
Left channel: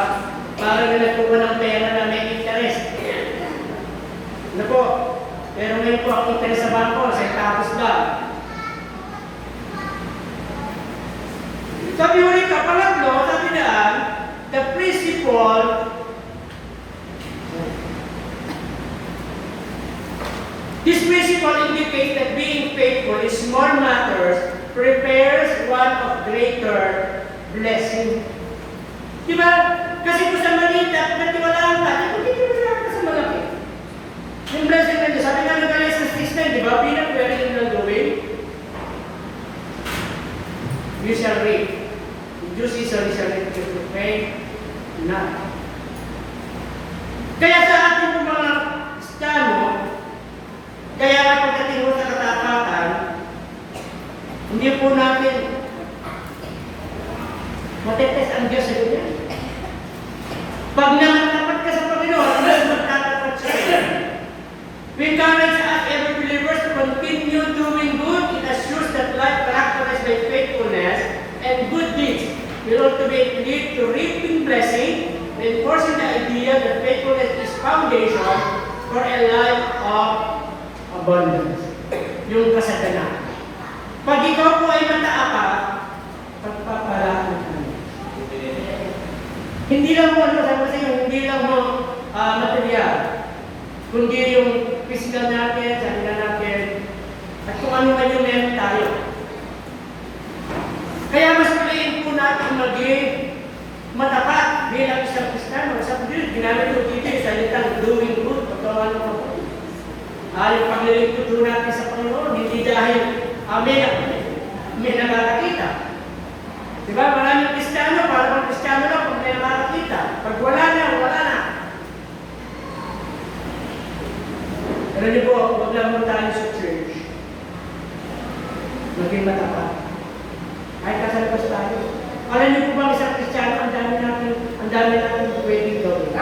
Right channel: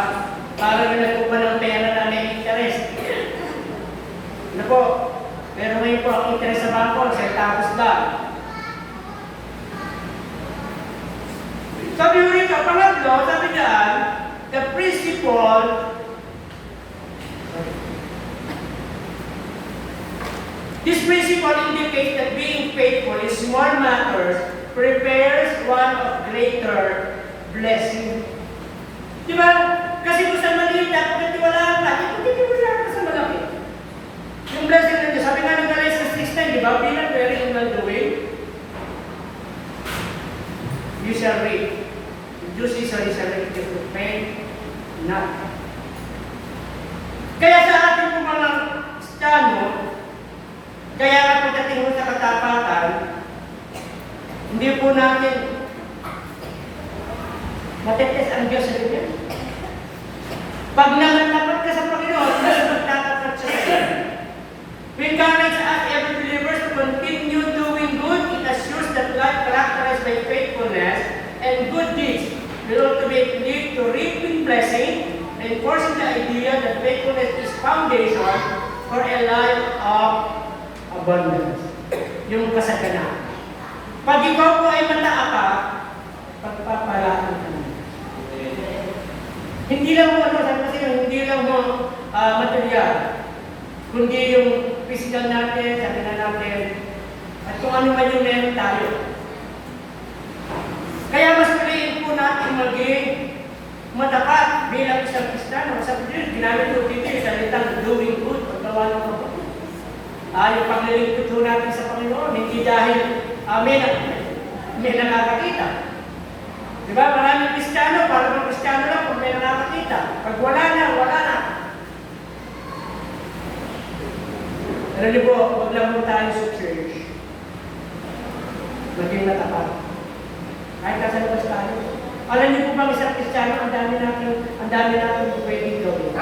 Parang nilatuban ng pera na may interest. Ano po? Pero ngayon po ang interest sa bangko, sa tapos ba? Sabi mo rin ka, pangatlo, sabi daan, the principle this principle indicates that being faithful in small matters prepares one of greater blessing. Diba? Kasi kung sa maliit, dapat nagtiwalaan ka. Nagtiwalaan ka sa malaki. Yung blessing na Diyos, sabi nga ng Galatians 6:9, diba? Be not weary in well doing. You shall reap. Due season is a reap if you faint not. Kaya sa ating mga Kristiyano, kaya pagdating mo sa katapatan, Hindi po natin matetes ang Diyos sa inyo. Pag nananapat ka sa Panginoon, mas magtatapat siya sa iyo. We encourage us every believers to continue doing good. It assures that life characterized by faithfulness and good deeds will ultimately lead to reaping blessing, reinforcing the idea that faithfulness is foundation for a life of abundance. Yung kasaganan. Pag ikaw po ay mataapak, pagpapalaan ka. Hindi lang mo, hindi lang mo material, kundi yung physical natin, sarili natin, at kung ano man yung meron tayo. Kaya mas piliin po natin maging matapat bilang isang Kristiyano. Sa Biblia, ginamit ko dito yung salitang doing good, paggawa ng mabuti. Yung paglilingkod po natin sa Panginoon, hindi dahil may nakakakita. Diba? Maraming Kristiyano, para Kristiyano lang kung may nakakakita. Pag wala na, wala na. Pero niyo po, huwag lang mo tayo sa church. Maging natapat. Kahit kasalabas tayo. Alam niyo po bang isang Kristiyano, ang dami natin pwedeng gawin.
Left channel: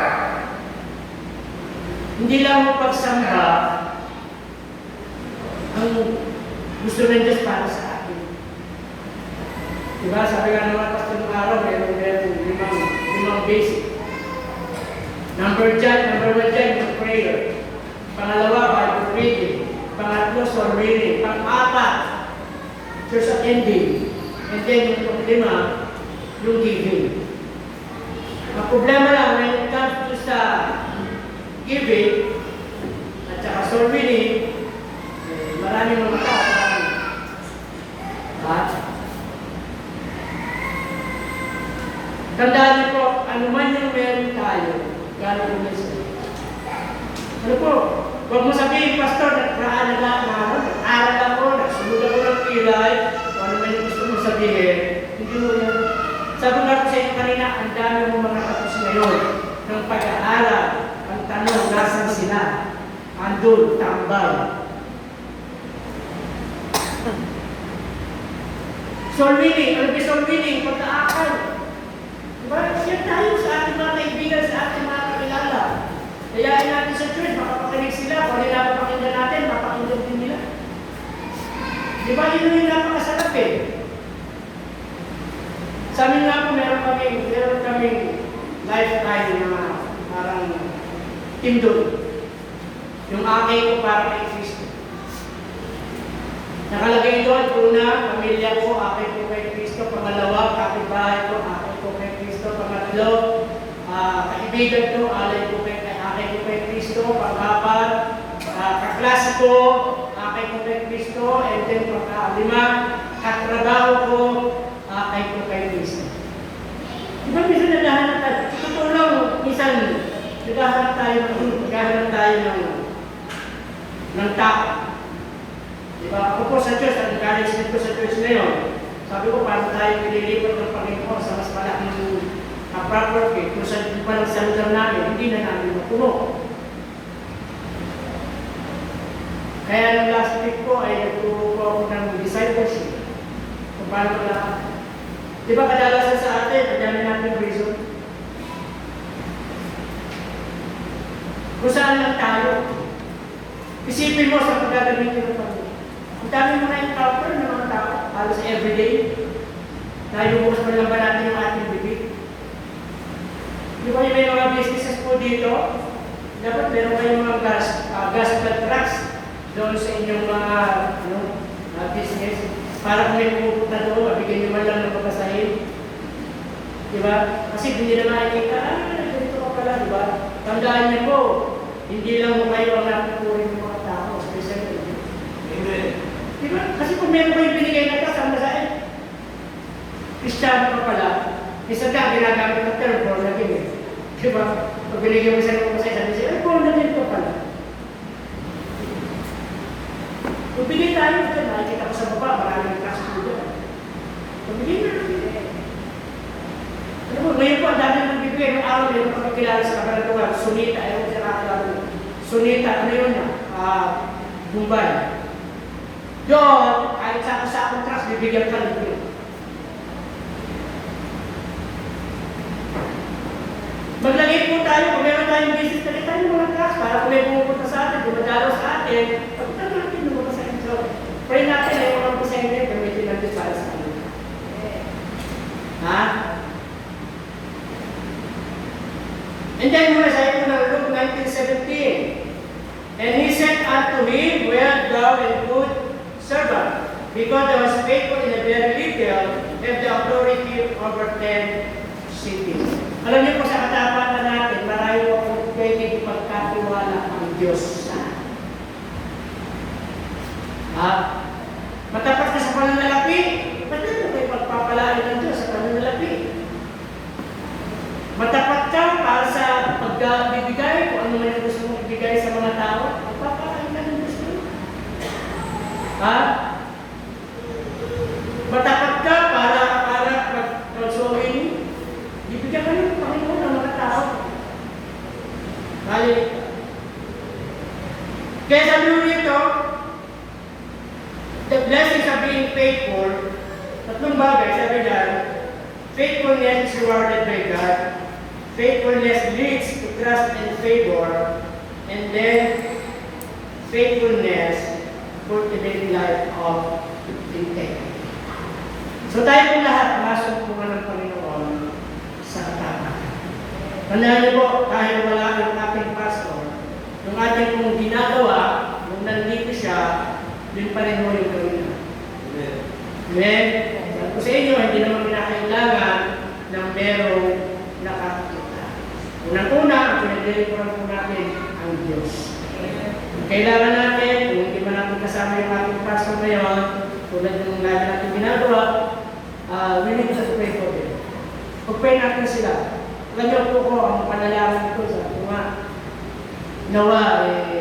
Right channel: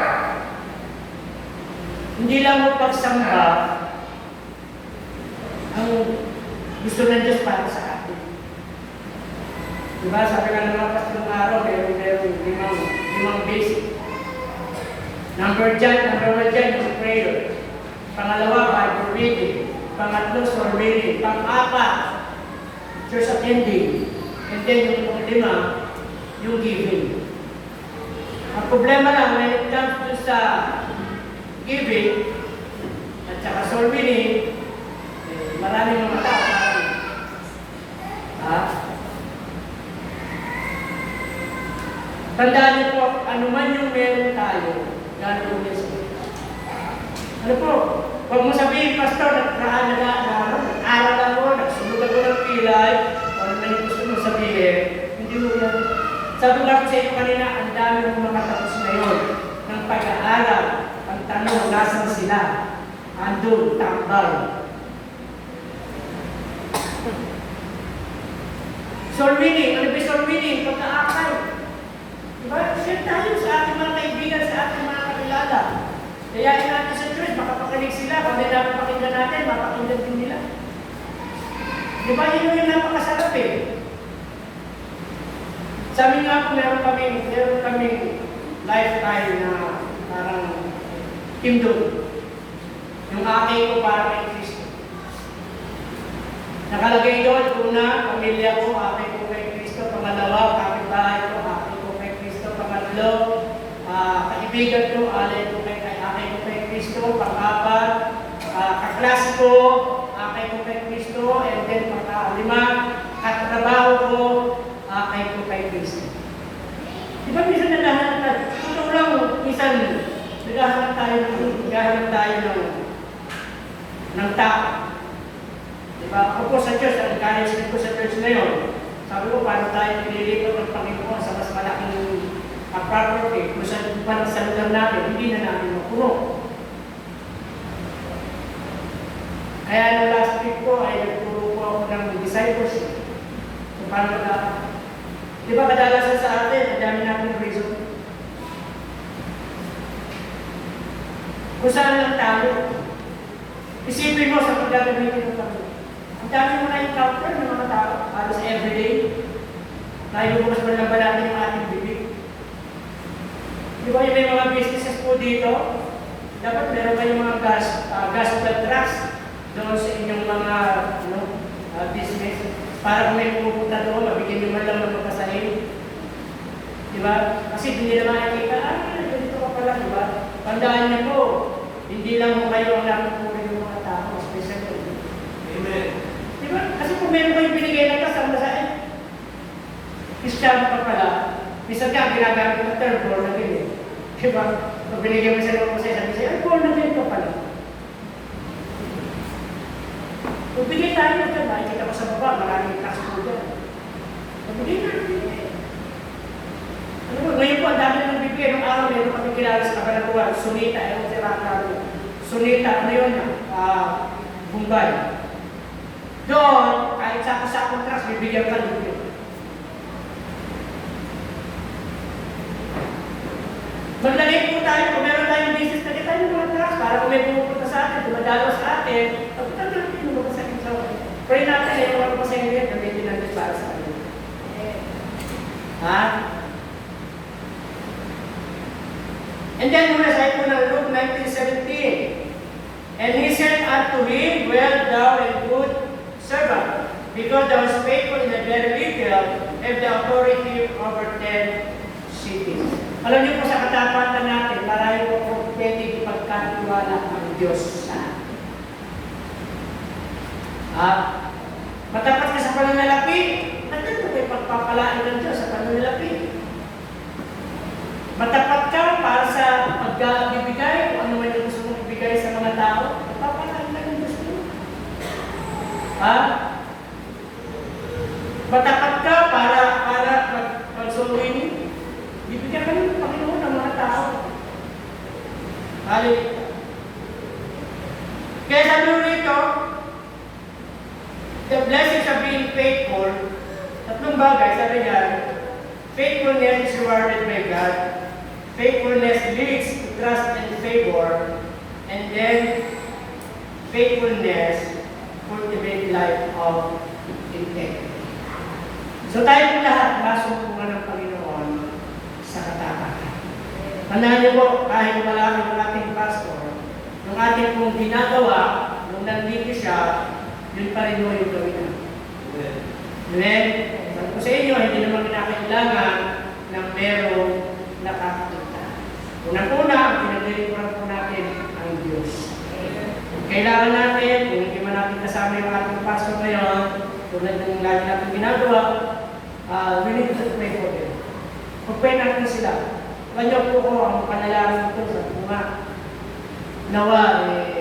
Hindi lang mo pagsamba ang gusto ng Diyos para sa atin. Diba? Sabi nga naman pastor ng araw, meron limang basic. Number one dyan, yung prayer. Pangalawa, Bible reading. Pangatlo, soul reading. Pang-apat, church attending. And then, yung pang-lima, yung giving. Ang problema lang, when it comes to sa giving, at saka soul reading, maraming mga tao. Tandaan niyo po, ano man yung meron tayo, gano'n mo isa. Ano po, huwag mo sabihin, Pastor, nag-aral ako, nagsunod ako ng pilay, o ano man yung gusto mo sabihin, hindi mo yan. Sabi nga ko sa iyo kanina, ang dami mo makatapos ngayon ng pag-aaral. Ang tanong, nasan sila? Andun, tambay. Soul winning, ano ba soul winning? Pagkaakal. Diba? Share tayo sa ating mga kaibigan, sa ating mga kakilala. Kayain natin sa church, makapakinig sila. Kung hindi napapakinggan natin, mapakinggan din nila. Diba? Yun yung napakasarap eh. Sa amin nga po, meron kami lifetime na parang team doon. Yung aking ko para kay Kristo. Nakalagay doon, una, pamilya ko, aking ko kay Kristo. Pangalawa, kapitbahay ko, aking ko kay Kristo. Pangatlo, kaibigan ko, aking ko kay Kristo. Pang-apat, kaklase ko, aking ko kay Kristo. And then, pang-lima, katrabaho ko, aking ko kay Kristo. Diba, minsan naghahanap tayo? Totoo lang, minsan naghahanap tayo ng tao. Diba? Ako po sa Diyos, ang encouragement ko sa Diyos ngayon, sabi ko, paano tayo pinilipot ng Panginoon sa mas malaking property, kung saan parang sa lugar namin, hindi na namin mapuno. Kaya nung last week ko, ay nagturo ko ako ng discipleship. Kung paano na, diba kadalasan sa atin, ang dami namin reason. Kung saan lang tayo, isipin mo sa pagdadamitin ng Panginoon. Ang dami mo na encounter ng mga tao, halos everyday. Tayo mo sa malaban natin yung ating bibig. Di ba yung may mga businesses po dito? Dapat meron kayong mga gospel tracks doon sa inyong mga business. Para kung may pumupunta doon, mabigyan nyo man lang ng magpasahin. Di ba? Kasi hindi na makikita, ganito ka pala, di ba? Tandaan niyo po, hindi lang mo kayo ang nakukunin ng mga tao, especially. Amen. Diba? Kasi kung meron kayo binigay na tas, ang masaya, Kristiyano pa pala, isa ka, ginagamit na term, born again eh. Diba? Pag binigyan mo isa ng masaya, sabi siya, ay, born again pa pala. Kung bigay tayo ito, nakikita ko sa baba, maraming tax po dyan. Kung bigay natin, ano mo, ngayon po, ang dami ng bibigay ng araw, meron kami kilala sa kabalatuan, Sunita, ayaw sa Rakla. Sunita, ano yun na? Bombay. Doon, kahit sa sako-sakong trust, bibigyan ka libre. Maglagay po tayo, kung meron tayong business na kita yung mga trust, para kung may pumupunta sa atin, dumadalo sa atin, pagpunta natin yung mga sakit sa atin. Pray natin yung mga pasayang nila, gamitin natin para sa atin. Ha? And then, muna sa ito ng Luke 19:17. And he said unto him, well, thou and good servant, because thou was faithful in a very little, have the authority over 10 cities. Alam niyo po sa katapatan natin, marami po po pwede pagkatiwala ng Diyos sa atin. Ha? Matapat ka sa pananalapi, ba't naman kayo pagpapalaan ng Diyos sa pananalapi? Matapat ka para sa pagbibigay, kung ano man yung gusto mong ibigay sa mga tao, pagpapalaan ka ng Diyos mo. Ha? Matapat ka para mag-sowing, bibigyan ka ng Panginoon ng mga tao. Hallelujah. Kaya sabi mo rito, the blessings of being faithful, tatlong bagay, sabi niya, faithfulness is rewarded by God, faithfulness leads to trust and favor, and then faithfulness cultivates life of integrity. So tayo po lahat, masumpungan ng Panginoon sa katapatan. Tandaan niyo po, kahit wala yung ating pastor, yung ating pong ginagawa, nung nandito siya, yun pa rin mo yung gawin natin. Amen? Sabi ko sa inyo, hindi naman kinakailangan ng merong nakakita. Unang-una, ang pinaglilikuran po natin ang Diyos. Kailangan natin, kung hindi man natin kasama yung ating pastor ngayon, tulad ng lagi natin ginagawa, we need to pray for them. Pag-pray natin sila. Alam niyo po ko, ang panalangin ko sa mga nawa,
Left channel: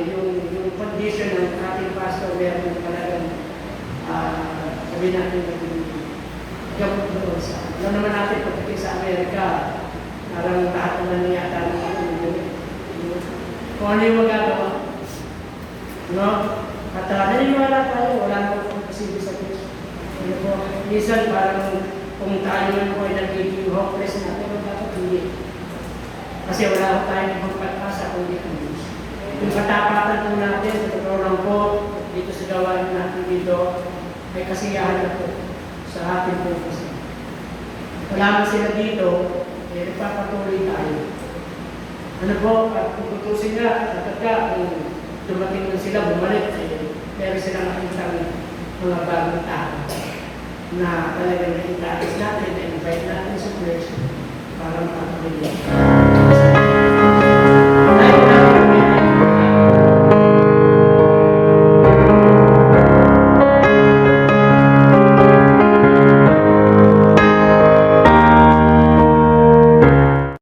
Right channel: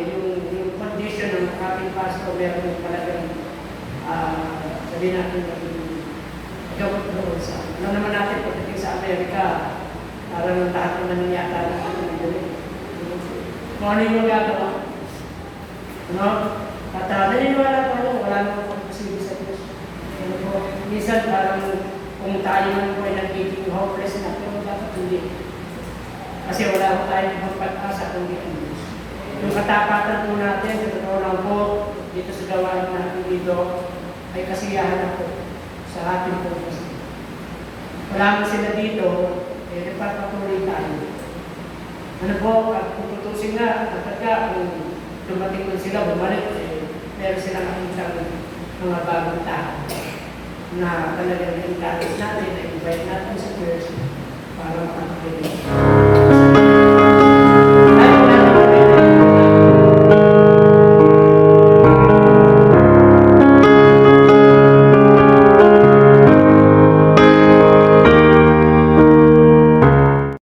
yung condition ng ating pastor, meron mo talagang sabihin natin joke doon sa. Alam naman natin pagdating sa Amerika, parang lahat na nangyata ng kung ano yung magagawa. No? At naniniwala tayo, wala na pong posible sa Diyos. Ano po, minsan parang kung tayo man po ay nagiging hopeless na, pero dapat hindi. Kasi wala tayo ng pag-asa kundi ang Diyos. Yung katapatan po natin, sa lang po, dito sa gawain natin dito, ay kasiyahan na po sa ating po kasi. Marami sila dito, eh nagpapatuloy tayo. Ano po, kung tutusin nga, kapag kung dumating na sila, bumalik, meron sila makita ng mga bagong tao na talagang i-practice natin, na invite natin sa church para makapagpapalito.